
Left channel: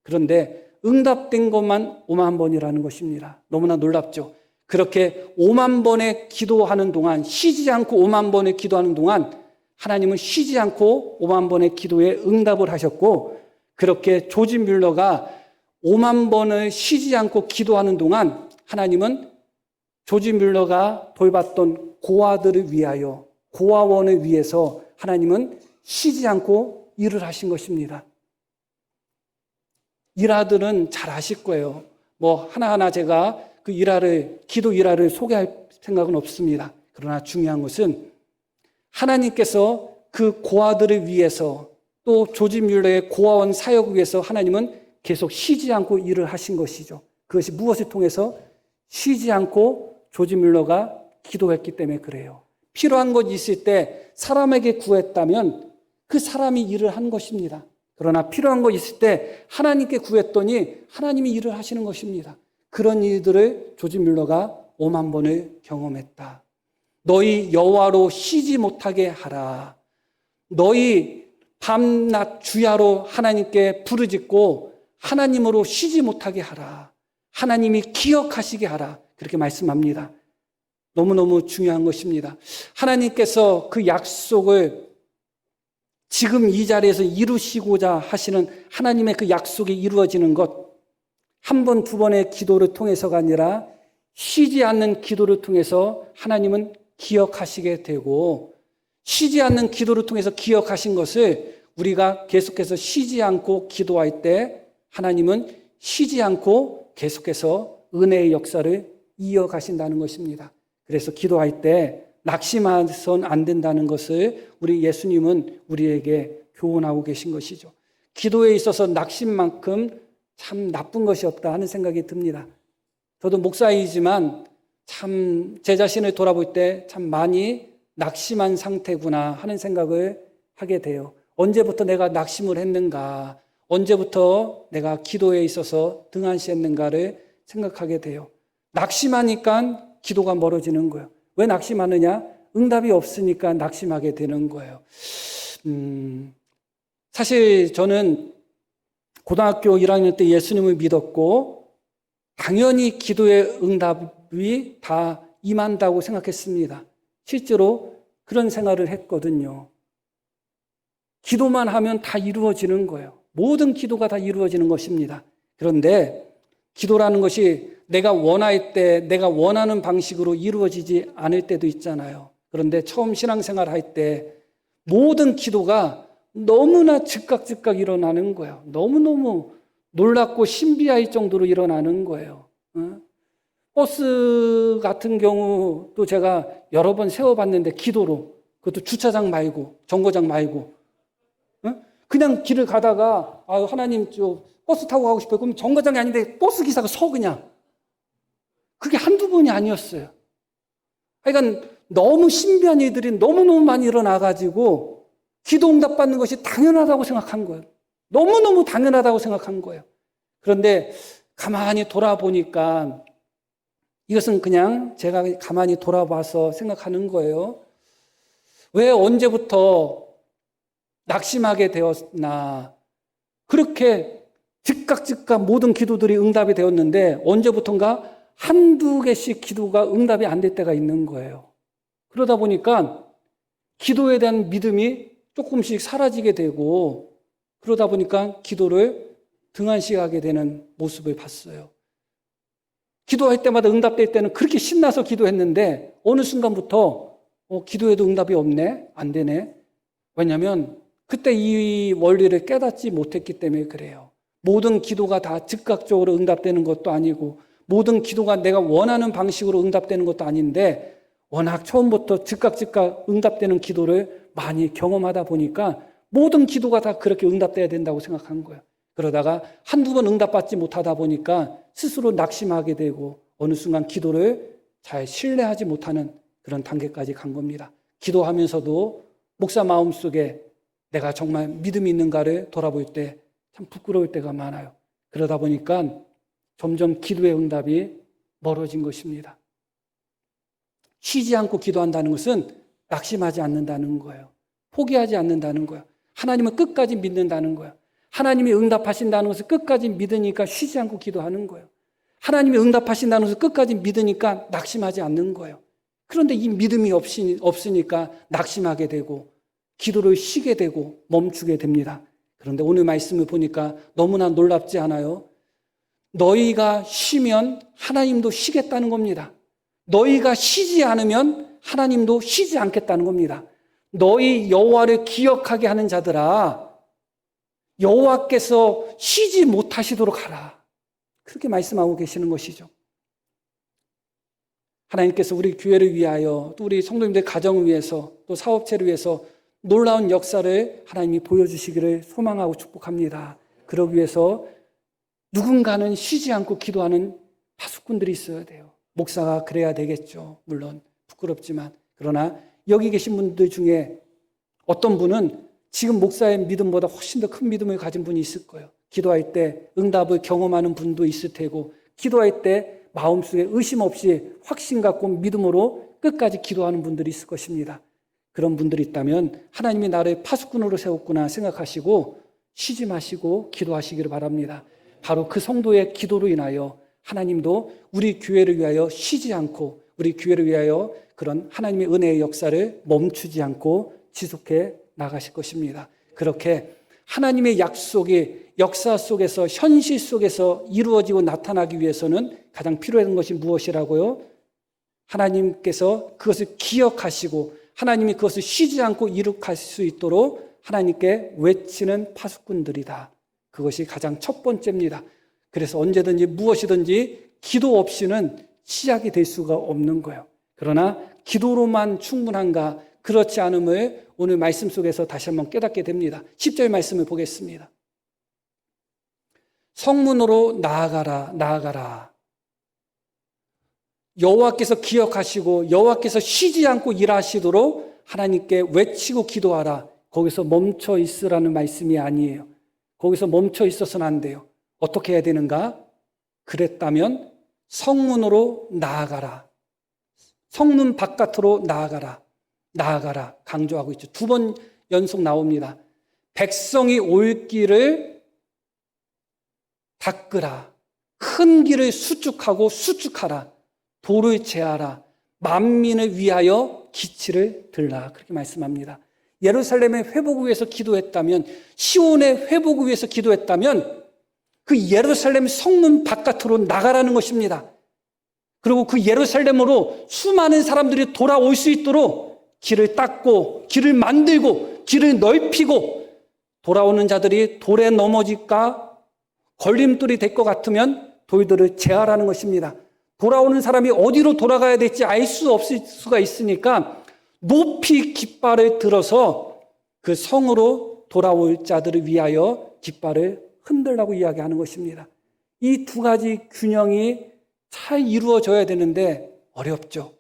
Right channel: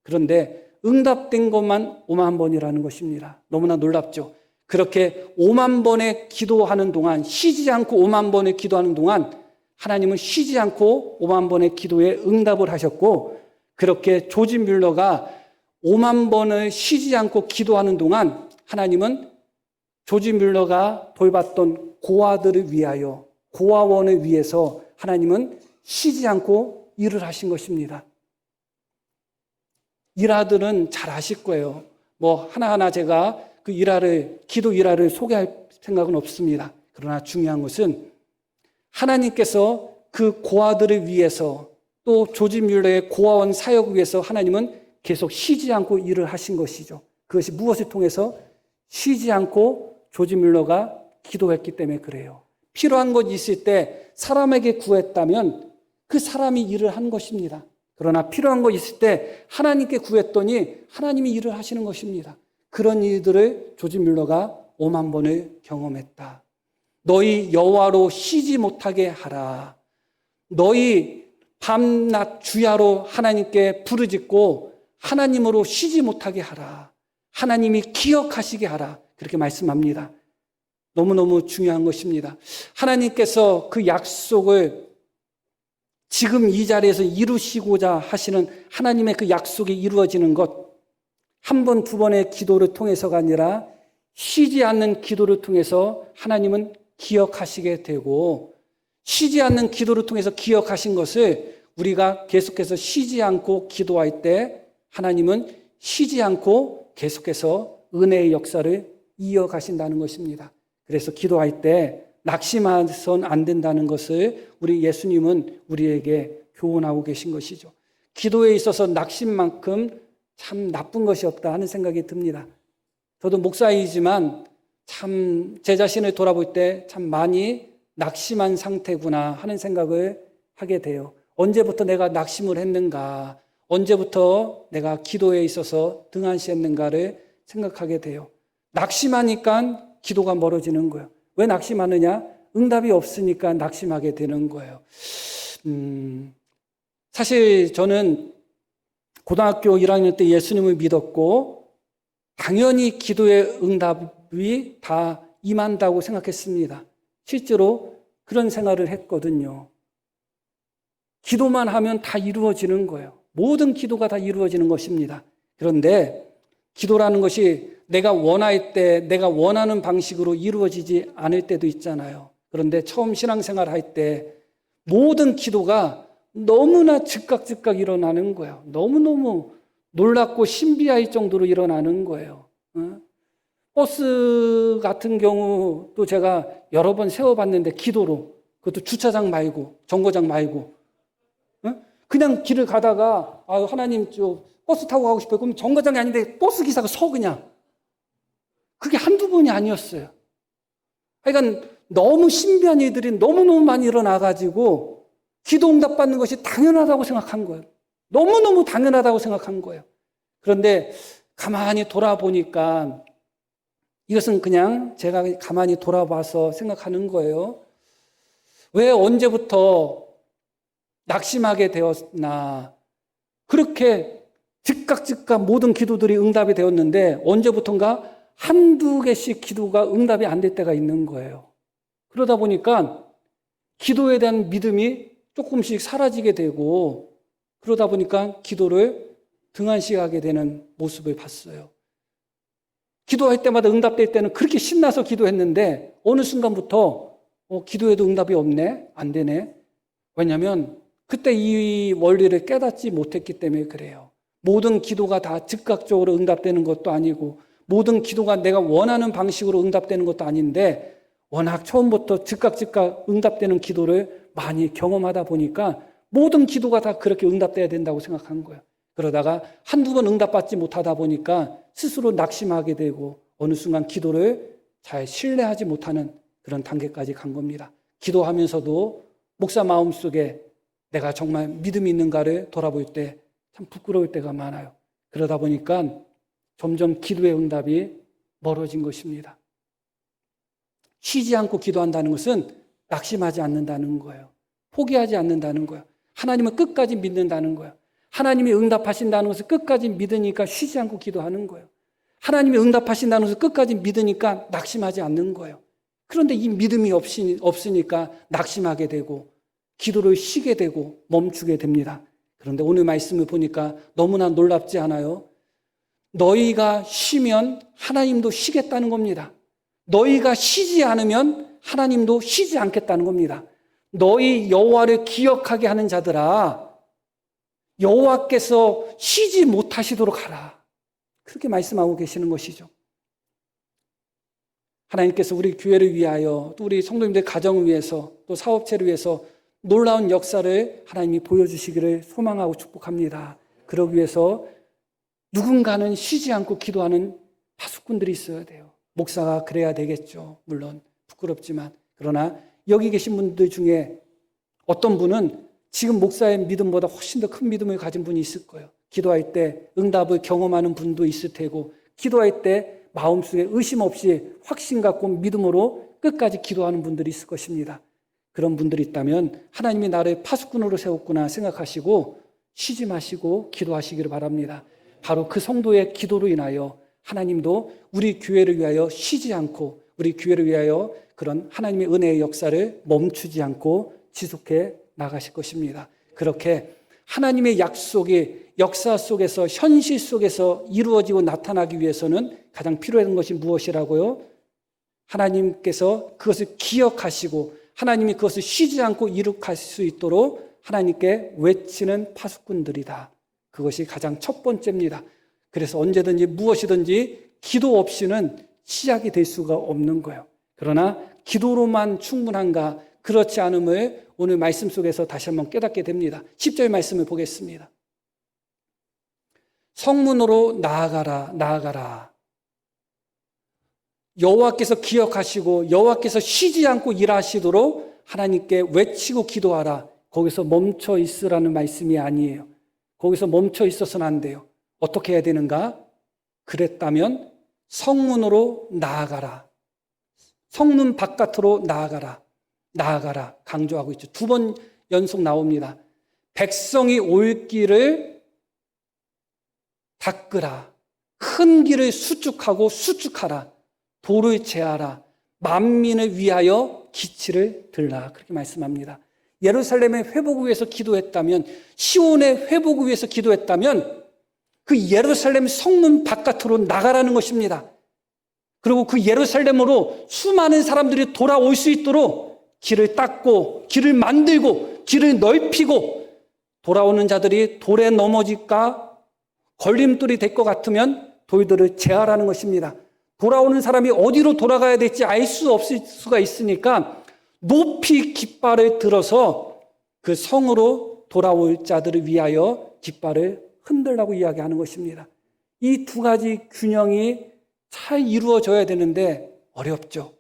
그런데 응답된 것만 5만 번이라는 것입니다. 너무나 놀랍죠? 그렇게 5만 번의 기도하는 동안, 쉬지 않고 5만 번의 기도하는 동안 하나님은 쉬지 않고 5만 번의 기도에 응답을 하셨고, 그렇게 조지 뮬러가 5만 번을 쉬지 않고 기도하는 동안 하나님은 조지 뮬러가 돌봤던 고아들을 위하여, 고아원을 위해서 하나님은 쉬지 않고 일을 하신 것입니다. 일화들은 잘 아실 거예요. 뭐 하나하나 제가 그 기도 일화를 소개할 생각은 없습니다. 그러나 중요한 것은 하나님께서 그 고아들을 위해서 또 조지 뮬러의 고아원 사역을 위해서 하나님은 계속 쉬지 않고 일을 하신 것이죠. 그것이 무엇을 통해서? 쉬지 않고 조지 뮬러가 기도했기 때문에 그래요. 필요한 것이 있을 때 사람에게 구했다면 그 사람이 일을 한 것입니다. 그러나 필요한 거 있을 때 하나님께 구했더니 하나님이 일을 하시는 것입니다. 그런 일들을 조지 뮬러가 5만 번을 경험했다. 너희 여호와로 쉬지 못하게 하라. 너희 밤낮 주야로 하나님께 부르짖고 하나님으로 쉬지 못하게 하라. 하나님이 기억하시게 하라. 그렇게 말씀합니다. 너무너무 중요한 것입니다. 하나님께서 그 약속을 지금 이 자리에서 이루시고자 하시는 하나님의 그 약속이 이루어지는 것, 한 번, 두 번의 기도를 통해서가 아니라 쉬지 않는 기도를 통해서 하나님은 기억하시게 되고, 쉬지 않는 기도를 통해서 기억하신 것을 우리가 계속해서 쉬지 않고 기도할 때 하나님은 쉬지 않고 계속해서 은혜의 역사를 이어가신다는 것입니다. 그래서 기도할 때 낙심해서는 안 된다는 것을 우리 예수님은 우리에게 교훈하고 계신 것이죠. 기도에 있어서 낙심만큼 참 나쁜 것이 없다 하는 생각이 듭니다. 저도 목사이지만 참 제 자신을 돌아볼 때 참 많이 낙심한 상태구나 하는 생각을 하게 돼요. 언제부터 내가 낙심을 했는가? 언제부터 내가 기도에 있어서 등한시했는가를 생각하게 돼요. 낙심하니까 기도가 멀어지는 거예요. 왜 낙심하느냐? 응답이 없으니까 낙심하게 되는 거예요. 사실 저는 고등학교 1학년 때 예수님을 믿었고 당연히 기도의 응답이 다 임한다고 생각했습니다. 실제로 그런 생활을 했거든요. 기도만 하면 다 이루어지는 거예요. 모든 기도가 다 이루어지는 것입니다. 그런데 기도라는 것이 내가 원할 때 내가 원하는 방식으로 이루어지지 않을 때도 있잖아요. 그런데 처음 신앙생활 할 때 모든 기도가 너무나 즉각 일어나는 거예요. 너무너무 놀랍고 신비할 정도로 일어나는 거예요. 버스 같은 경우도 제가 여러 번 세워봤는데 기도로, 그것도 주차장 말고 정거장 말고 그냥 길을 가다가 하나님 저 버스 타고 가고 싶어요. 그럼 정거장이 아닌데 버스 기사가 서 그냥. 그게 한두 번이 아니었어요. 그러니까 너무 신비한 일들이 너무너무 많이 일어나가지고 기도 응답 받는 것이 당연하다고 생각한 거예요. 너무너무 당연하다고 생각한 거예요. 그런데 가만히 돌아보니까 이것은 그냥 제가 가만히 돌아봐서 생각하는 거예요. 왜 언제부터 낙심하게 되었나? 그렇게 즉각 모든 기도들이 응답이 되었는데 언제부턴가 한두 개씩 기도가 응답이 안 될 때가 있는 거예요. 그러다 보니까 기도에 대한 믿음이 조금씩 사라지게 되고 그러다 보니까 기도를 등한시하게 되는 모습을 봤어요. 기도할 때마다 응답될 때는 그렇게 신나서 기도했는데 어느 순간부터 기도에도 응답이 없네? 안 되네? 왜냐하면 그때 이 원리를 깨닫지 못했기 때문에 그래요. 모든 기도가 다 즉각적으로 응답되는 것도 아니고 모든 기도가 내가 원하는 방식으로 응답되는 것도 아닌데 워낙 처음부터 즉각 응답되는 기도를 많이 경험하다 보니까 모든 기도가 다 그렇게 응답돼야 된다고 생각한 거예요. 그러다가 한두 번 응답받지 못하다 보니까 스스로 낙심하게 되고 어느 순간 기도를 잘 신뢰하지 못하는 그런 단계까지 간 겁니다. 기도하면서도 목사 마음속에 내가 정말 믿음이 있는가를 돌아볼 때 참 부끄러울 때가 많아요. 그러다 보니까 점점 기도의 응답이 멀어진 것입니다. 쉬지 않고 기도한다는 것은 낙심하지 않는다는 거예요. 포기하지 않는다는 거예요. 하나님은 끝까지 믿는다는 거예요. 하나님이 응답하신다는 것을 끝까지 믿으니까 쉬지 않고 기도하는 거예요. 하나님이 응답하신다는 것을 끝까지 믿으니까 낙심하지 않는 거예요. 그런데 이 믿음이 없으니까 낙심하게 되고 기도를 쉬게 되고 멈추게 됩니다. 그런데 오늘 말씀을 보니까 너무나 놀랍지 않아요? 너희가 쉬면 하나님도 쉬겠다는 겁니다. 너희가 쉬지 않으면 하나님도 쉬지 않겠다는 겁니다. 너희 여호와를 기억하게 하는 자들아 여호와께서 쉬지 못하시도록 하라. 그렇게 말씀하고 계시는 것이죠. 하나님께서 우리 교회를 위하여 또 우리 성도님들 가정을 위해서 또 사업체를 위해서 놀라운 역사를 하나님이 보여주시기를 소망하고 축복합니다. 그러기 위해서 누군가는 쉬지 않고 기도하는 파수꾼들이 있어야 돼요. 목사가 그래야 되겠죠. 물론 부끄럽지만. 그러나 여기 계신 분들 중에 어떤 분은 지금 목사의 믿음보다 훨씬 더 큰 믿음을 가진 분이 있을 거예요. 기도할 때 응답을 경험하는 분도 있을 테고 기도할 때 마음속에 의심 없이 확신 갖고 믿음으로 끝까지 기도하는 분들이 있을 것입니다. 그런 분들이 있다면 하나님이 나를 파수꾼으로 세웠구나 생각하시고 쉬지 마시고 기도하시기를 바랍니다. 바로 그 성도의 기도로 인하여 하나님도 우리 교회를 위하여 쉬지 않고 우리 교회를 위하여 그런 하나님의 은혜의 역사를 멈추지 않고 지속해 나가실 것입니다. 그렇게 하나님의 약속의 역사 속에서 현실 속에서 이루어지고 나타나기 위해서는 가장 필요한 것이 무엇이라고요? 하나님께서 그것을 기억하시고 하나님이 그것을 쉬지 않고 이룩할 수 있도록 하나님께 외치는 파수꾼들이다. 그것이 가장 첫 번째입니다. 그래서 언제든지 무엇이든지 기도 없이는 시작이 될 수가 없는 거예요. 그러나 기도로만 충분한가? 그렇지 않음을 오늘 말씀 속에서 다시 한번 깨닫게 됩니다. 10절 말씀을 보겠습니다. 성문으로 나아가라. 여호와께서 기억하시고 여호와께서 쉬지 않고 일하시도록 하나님께 외치고 기도하라. 거기서 멈춰 있으라는 말씀이 아니에요. 거기서 멈춰 있어서는 안 돼요. 어떻게 해야 되는가? 그랬다면 성문으로 나아가라. 성문 바깥으로 나아가라. 강조하고 있죠. 2번 연속 나옵니다. 백성이 올 길을 닦으라. 큰 길을 수축하라. 돌을 제하라. 만민을 위하여 기치를 들라. 그렇게 말씀합니다. 예루살렘의 회복을 위해서 기도했다면, 시온의 회복을 위해서 기도했다면 그 예루살렘 성문 바깥으로 나가라는 것입니다. 그리고 그 예루살렘으로 수많은 사람들이 돌아올 수 있도록 길을 닦고 길을 만들고 길을 넓히고 돌아오는 자들이 돌에 넘어질까 걸림돌이 될 것 같으면 돌들을 제하라는 것입니다. 돌아오는 사람이 어디로 돌아가야 될지 알 수 없을 수가 있으니까 높이 깃발을 들어서 그 성으로 돌아올 자들을 위하여 깃발을 흔들라고 이야기하는 것입니다. 이 두 가지 균형이 잘 이루어져야 되는데 어렵죠.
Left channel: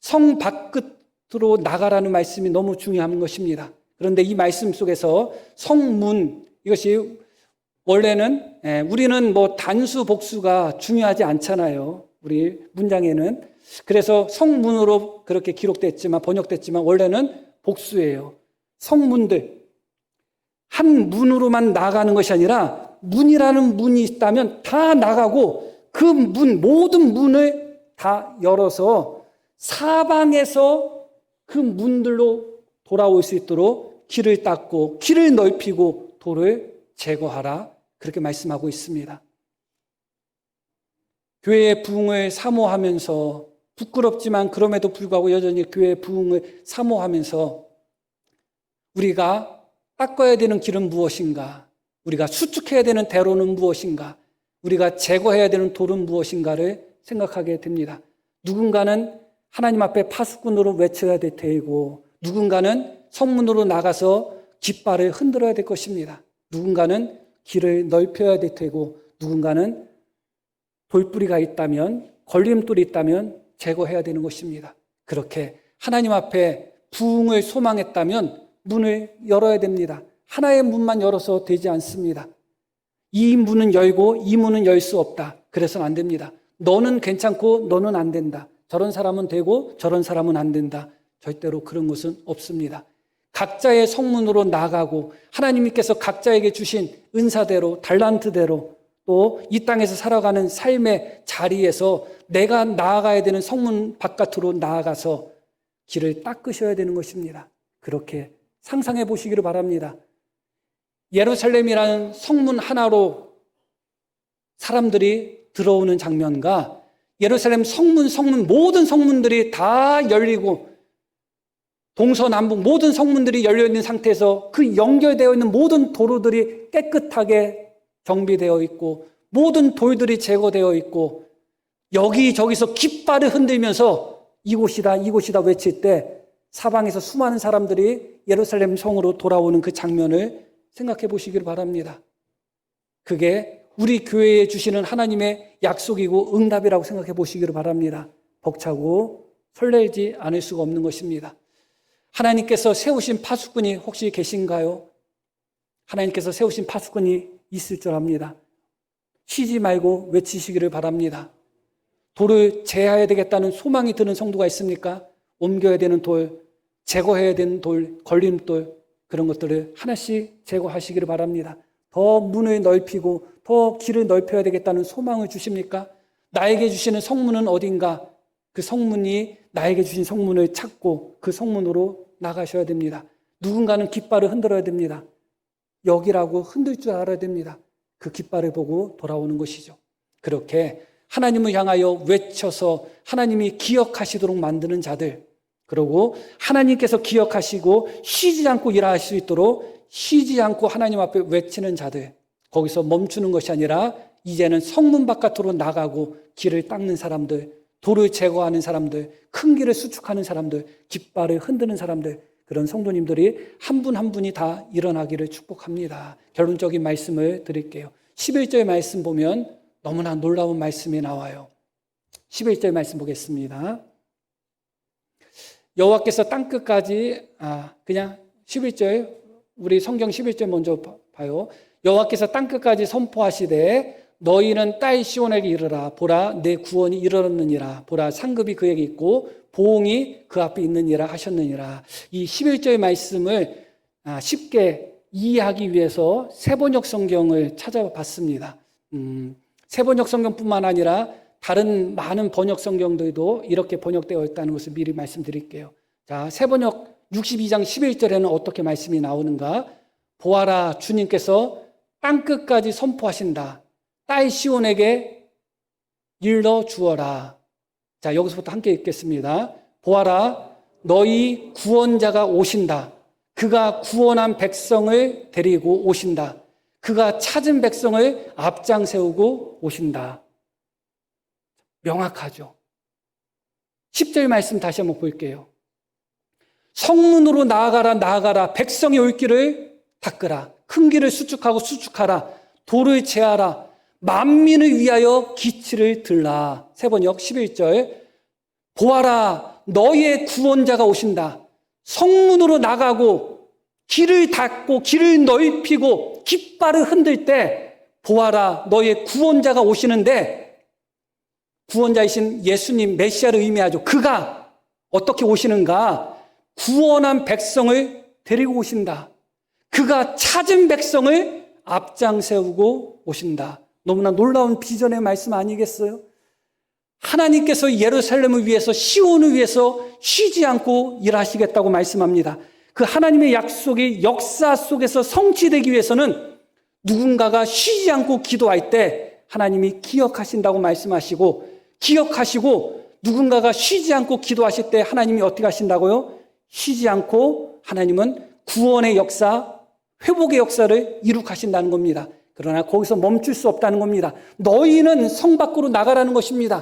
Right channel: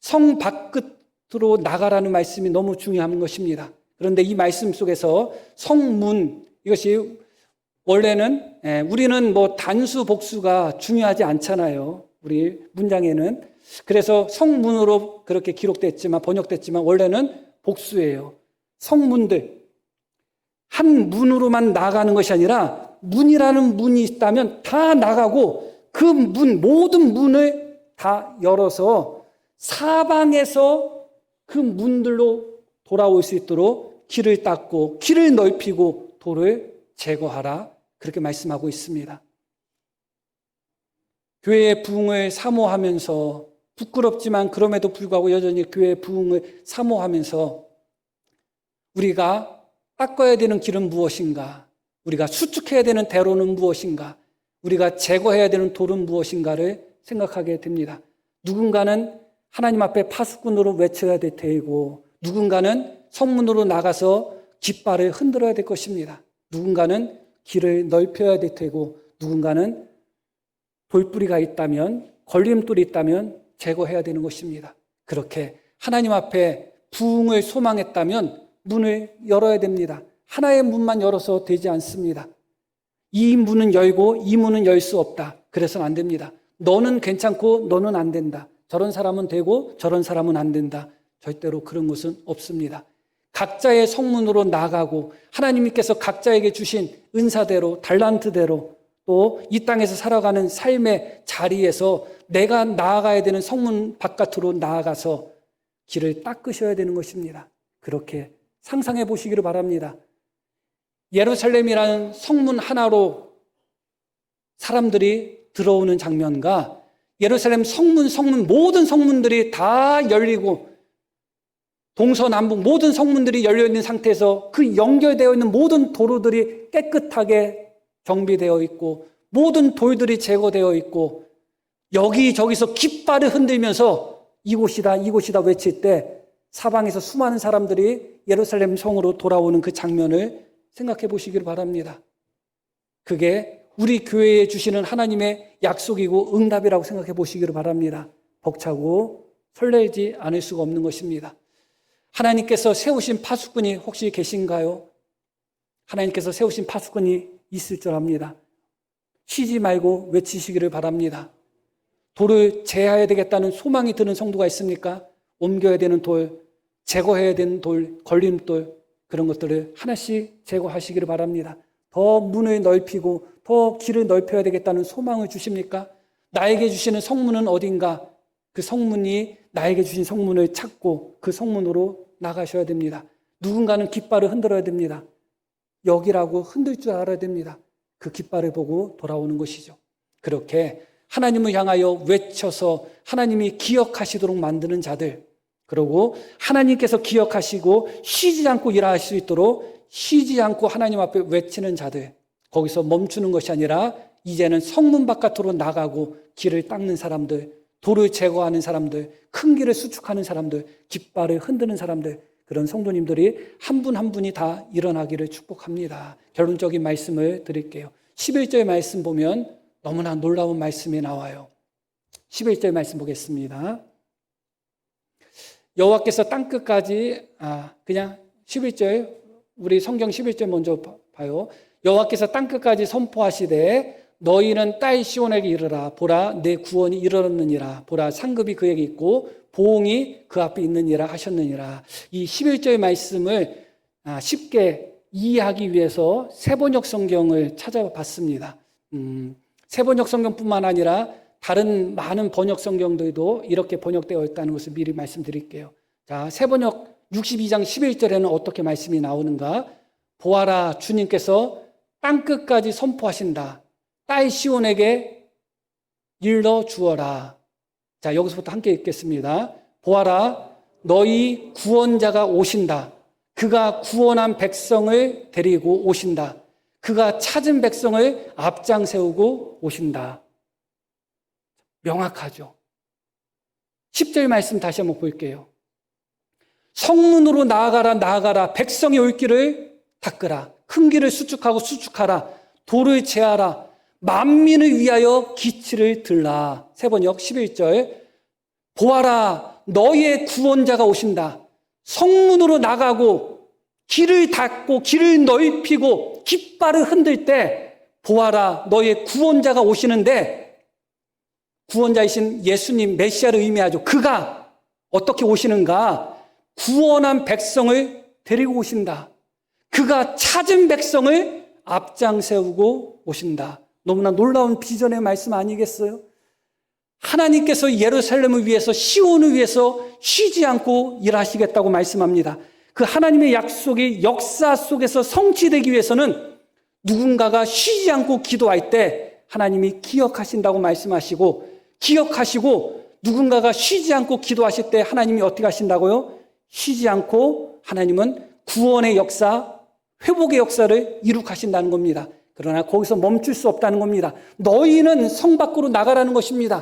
성 밖으로 나가라는 말씀이 너무 중요한 것입니다. 그런데 이 말씀 속에서 성문, 이것이 원래는 우리는 뭐 단수 복수가 중요하지 않잖아요. 우리 문장에는. 그래서 성문으로 그렇게 기록됐지만, 번역됐지만 원래는 복수예요. 성문들. 한 문으로만 나가는 것이 아니라 문이라는 문이 있다면 다 나가고 그 문, 모든 문을 다 열어서 사방에서 그 문들로 돌아올 수 있도록 길을 닦고 길을 넓히고 돌을 제거하라. 그렇게 말씀하고 있습니다. 교회의 부흥을 사모하면서, 부끄럽지만 그럼에도 불구하고 여전히 교회의 부흥을 사모하면서 우리가 닦아야 되는 길은 무엇인가? 우리가 수축해야 되는 대로는 무엇인가? 우리가 제거해야 되는 돌은 무엇인가를 생각하게 됩니다. 누군가는 하나님 앞에 파수꾼으로 외쳐야 될 테이고, 누군가는 성문으로 나가서 깃발을 흔들어야 될 것입니다. 누군가는 길을 넓혀야 될 테고, 누군가는 돌뿌리가 있다면, 걸림돌이 있다면 제거해야 되는 것입니다. 그렇게 하나님 앞에 부흥을 소망했다면 문을 열어야 됩니다. 하나의 문만 열어서 되지 않습니다. 이 문은 열고 이 문은 열 수 없다. 그래서는 안 됩니다. 너는 괜찮고 너는 안 된다. 저런 사람은 되고 저런 사람은 안 된다. 절대로 그런 것은 없습니다. 각자의 성문으로 나가고 하나님께서 각자에게 주신 은사대로, 덜란트대로, 또 이 땅에서 살아가는 삶의 자리에서 내가 나아가야 되는 성문 바깥으로 나아가서 길을 닦으셔야 되는 것입니다. 그렇게 상상해 보시기를 바랍니다. 예루살렘이라는 성문 하나로 사람들이 들어오는 장면과 예루살렘 성문 모든 성문들이 다 열리고 동서남북 모든 성문들이 열려있는 상태에서 그 연결되어 있는 모든 도로들이 깨끗하게 정비되어 있고 모든 돌들이 제거되어 있고 여기저기서 깃발을 흔들면서 이곳이다 이곳이다 외칠 때 사방에서 수많은 사람들이 예루살렘 성으로 돌아오는 그 장면을 생각해 보시길 바랍니다. 그게 우리 교회에 주시는 하나님의 약속이고 응답이라고 생각해 보시기를 바랍니다. 벅차고 설레지 않을 수가 없는 것입니다. 하나님께서 세우신 파수꾼이 혹시 계신가요? 하나님께서 세우신 파수꾼이 있을 줄 압니다. 쉬지 말고 외치시기를 바랍니다. 돌을 제어해야 되겠다는 소망이 드는 성도가 있습니까? 옮겨야 되는 돌, 제거해야 되는 돌, 걸림돌, 그런 것들을 하나씩 제거하시기를 바랍니다. 더 문을 넓히고 더 길을 넓혀야 되겠다는 소망을 주십니까? 나에게 주시는 성문은 어딘가? 그 성문이 나에게 주신 성문을 찾고 그 성문으로 나가셔야 됩니다. 누군가는 깃발을 흔들어야 됩니다. 여기라고 흔들 줄 알아야 됩니다. 그 깃발을 보고 돌아오는 것이죠. 그렇게 하나님을 향하여 외쳐서 하나님이 기억하시도록 만드는 자들, 그리고 하나님께서 기억하시고 쉬지 않고 일할 수 있도록 쉬지 않고 하나님 앞에 외치는 자들, 거기서 멈추는 것이 아니라 이제는 성문 바깥으로 나가고 길을 닦는 사람들, 돌을 제거하는 사람들, 큰 길을 수축하는 사람들, 깃발을 흔드는 사람들, 그런 성도님들이 한 분 한 분이 다 일어나기를 축복합니다. 결론적인 말씀을 드릴게요. 11절 말씀 보면 너무나 놀라운 말씀이 나와요. 11절 말씀 보겠습니다. 여호와께서 땅끝까지 그냥 11절, 우리 성경 11절 먼저 봐요. 여호와께서 땅끝까지 선포하시되 너희는 딸 시온에게 이르라. 보라 내 구원이 이르렀느니라. 보라 상급이 그에게 있고 보응이 그 앞에 있느니라 하셨느니라. 이 11절 말씀을 쉽게 이해하기 위해서 세번역 성경을 찾아봤습니다. 세번역 성경뿐만 아니라 다른 많은 번역 성경들도 이렇게 번역되어 있다는 것을 미리 말씀드릴게요. 자, 세번역 62장 11절에는 어떻게 말씀이 나오는가? 보아라, 주님께서 땅끝까지 선포하신다. 딸 시온에게 일러 주어라. 자, 여기서부터 함께 읽겠습니다. 보아라, 너희 구원자가 오신다. 그가 구원한 백성을 데리고 오신다. 그가 찾은 백성을 앞장 세우고 오신다. 명확하죠. 10절 말씀 다시 한번 볼게요. 성문으로 나아가라, 나아가라. 백성이 올 길을 닦으라. 큰 길을 수축하라. 돌을 제하라. 만민을 위하여 기치를 들라. 세번역 11절. 보아라, 너희의 구원자가 오신다. 성문으로 나가고 길을 닫고 길을 넓히고 깃발을 흔들 때 보아라, 너희의 구원자가 오시는데 구원자이신 예수님 메시아를 의미하죠. 그가 어떻게 오시는가? 구원한 백성을 데리고 오신다. 그가 찾은 백성을 앞장 세우고 오신다. 너무나 놀라운 비전의 말씀 아니겠어요? 하나님께서 예루살렘을 위해서, 시온을 위해서 쉬지 않고 일하시겠다고 말씀합니다. 그 하나님의 약속이 역사 속에서 성취되기 위해서는 누군가가 쉬지 않고 기도할 때 하나님이 기억하신다고 말씀하시고, 기억하시고 누군가가 쉬지 않고 기도하실 때 하나님이 어떻게 하신다고요? 쉬지 않고 하나님은 구원의 역사, 회복의 역사를 이룩하신다는 겁니다. 그러나 거기서 멈출 수 없다는 겁니다. 너희는 성 밖으로 나가라는 것입니다.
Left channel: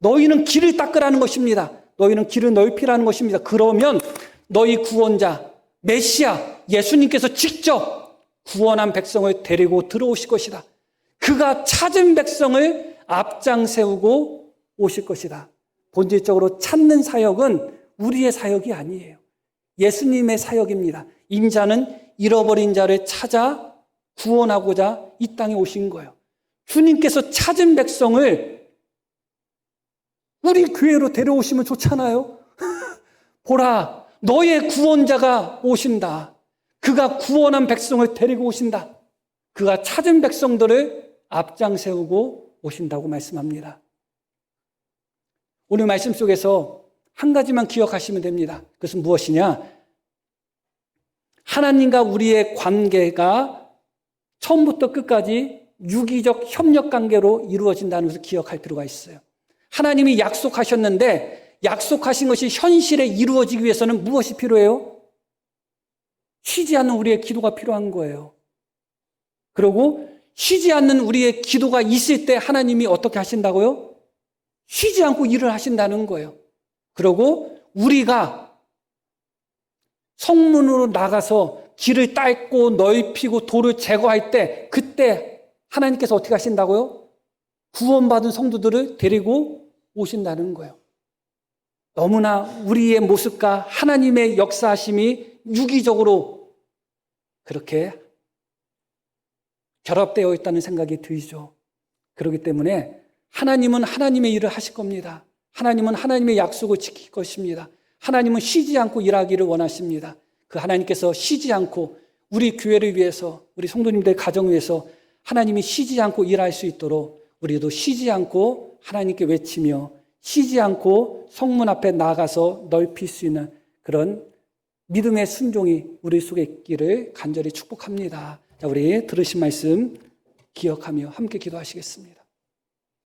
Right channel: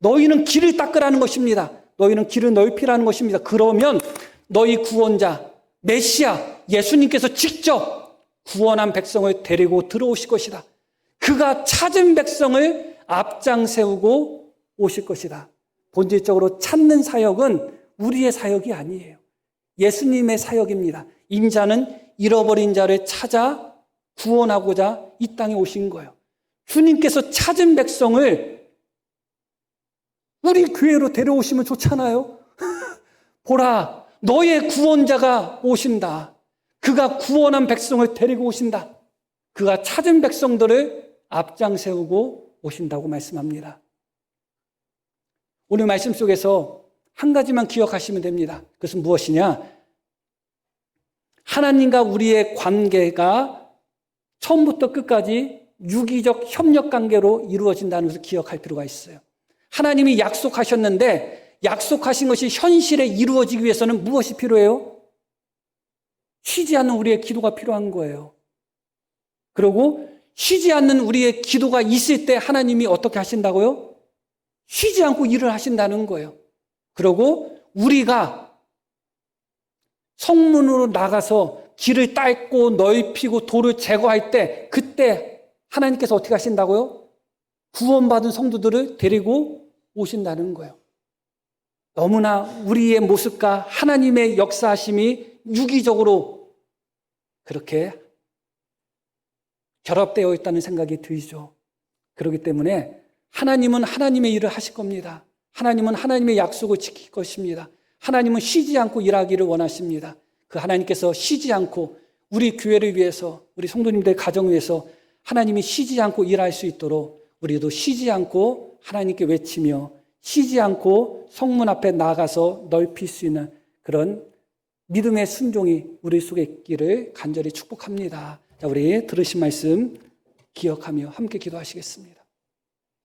너희는 길을 닦으라는 것입니다. 너희는 길을 넓히라는 것입니다. 그러면 너희 구원자 메시아 예수님께서 직접 구원한 백성을 데리고 들어오실 것이다. 그가 찾은 백성을 앞장 세우고 오실 것이다. 본질적으로 찾는 사역은 우리의 사역이 아니에요. 예수님의 사역입니다. 인자는 잃어버린 자를 찾아 구원하고자 이 땅에 오신 거예요. 주님께서 찾은 백성을 우리 교회로 데려오시면 좋잖아요. 보라, 너의 구원자가 오신다. 그가 구원한 백성을 데리고 오신다. 그가 찾은 백성들을 앞장 세우고 오신다고 말씀합니다. 오늘 말씀 속에서 한 가지만 기억하시면 됩니다. 그것은 무엇이냐? 하나님과 우리의 관계가 처음부터 끝까지 유기적 협력 관계로 이루어진다는 것을 기억할 필요가 있어요. 하나님이 약속하셨는데 약속하신 것이 현실에 이루어지기 위해서는 무엇이 필요해요? 쉬지 않는 우리의 기도가 필요한 거예요. 그리고 쉬지 않는 우리의 기도가 있을 때 하나님이 어떻게 하신다고요? 쉬지 않고 일을 하신다는 거예요. 그리고 우리가 성문으로 나가서 길을 닦고 넓히고 돌을 제거할 때 그때 하나님께서 어떻게 하신다고요? 구원받은 성도들을 데리고 오신다는 거예요. 너무나 우리의 모습과 하나님의 역사하심이 유기적으로 그렇게 결합되어 있다는 생각이 들죠. 그렇기 때문에 하나님은 하나님의 일을 하실 겁니다. 하나님은 하나님의 약속을 지킬 것입니다. 하나님은 쉬지 않고 일하기를 원하십니다. 그 하나님께서 쉬지 않고 우리 교회를 위해서, 우리 성도님들 가정을 위해서 하나님이 쉬지 않고 일할 수 있도록 우리도 쉬지 않고 하나님께 외치며 쉬지 않고 성문 앞에 나가서 넓힐 수 있는 그런 믿음의 순종이 우리 속에 있기를 간절히 축복합니다. 자, 우리 들으신 말씀 기억하며 함께 기도하시겠습니다.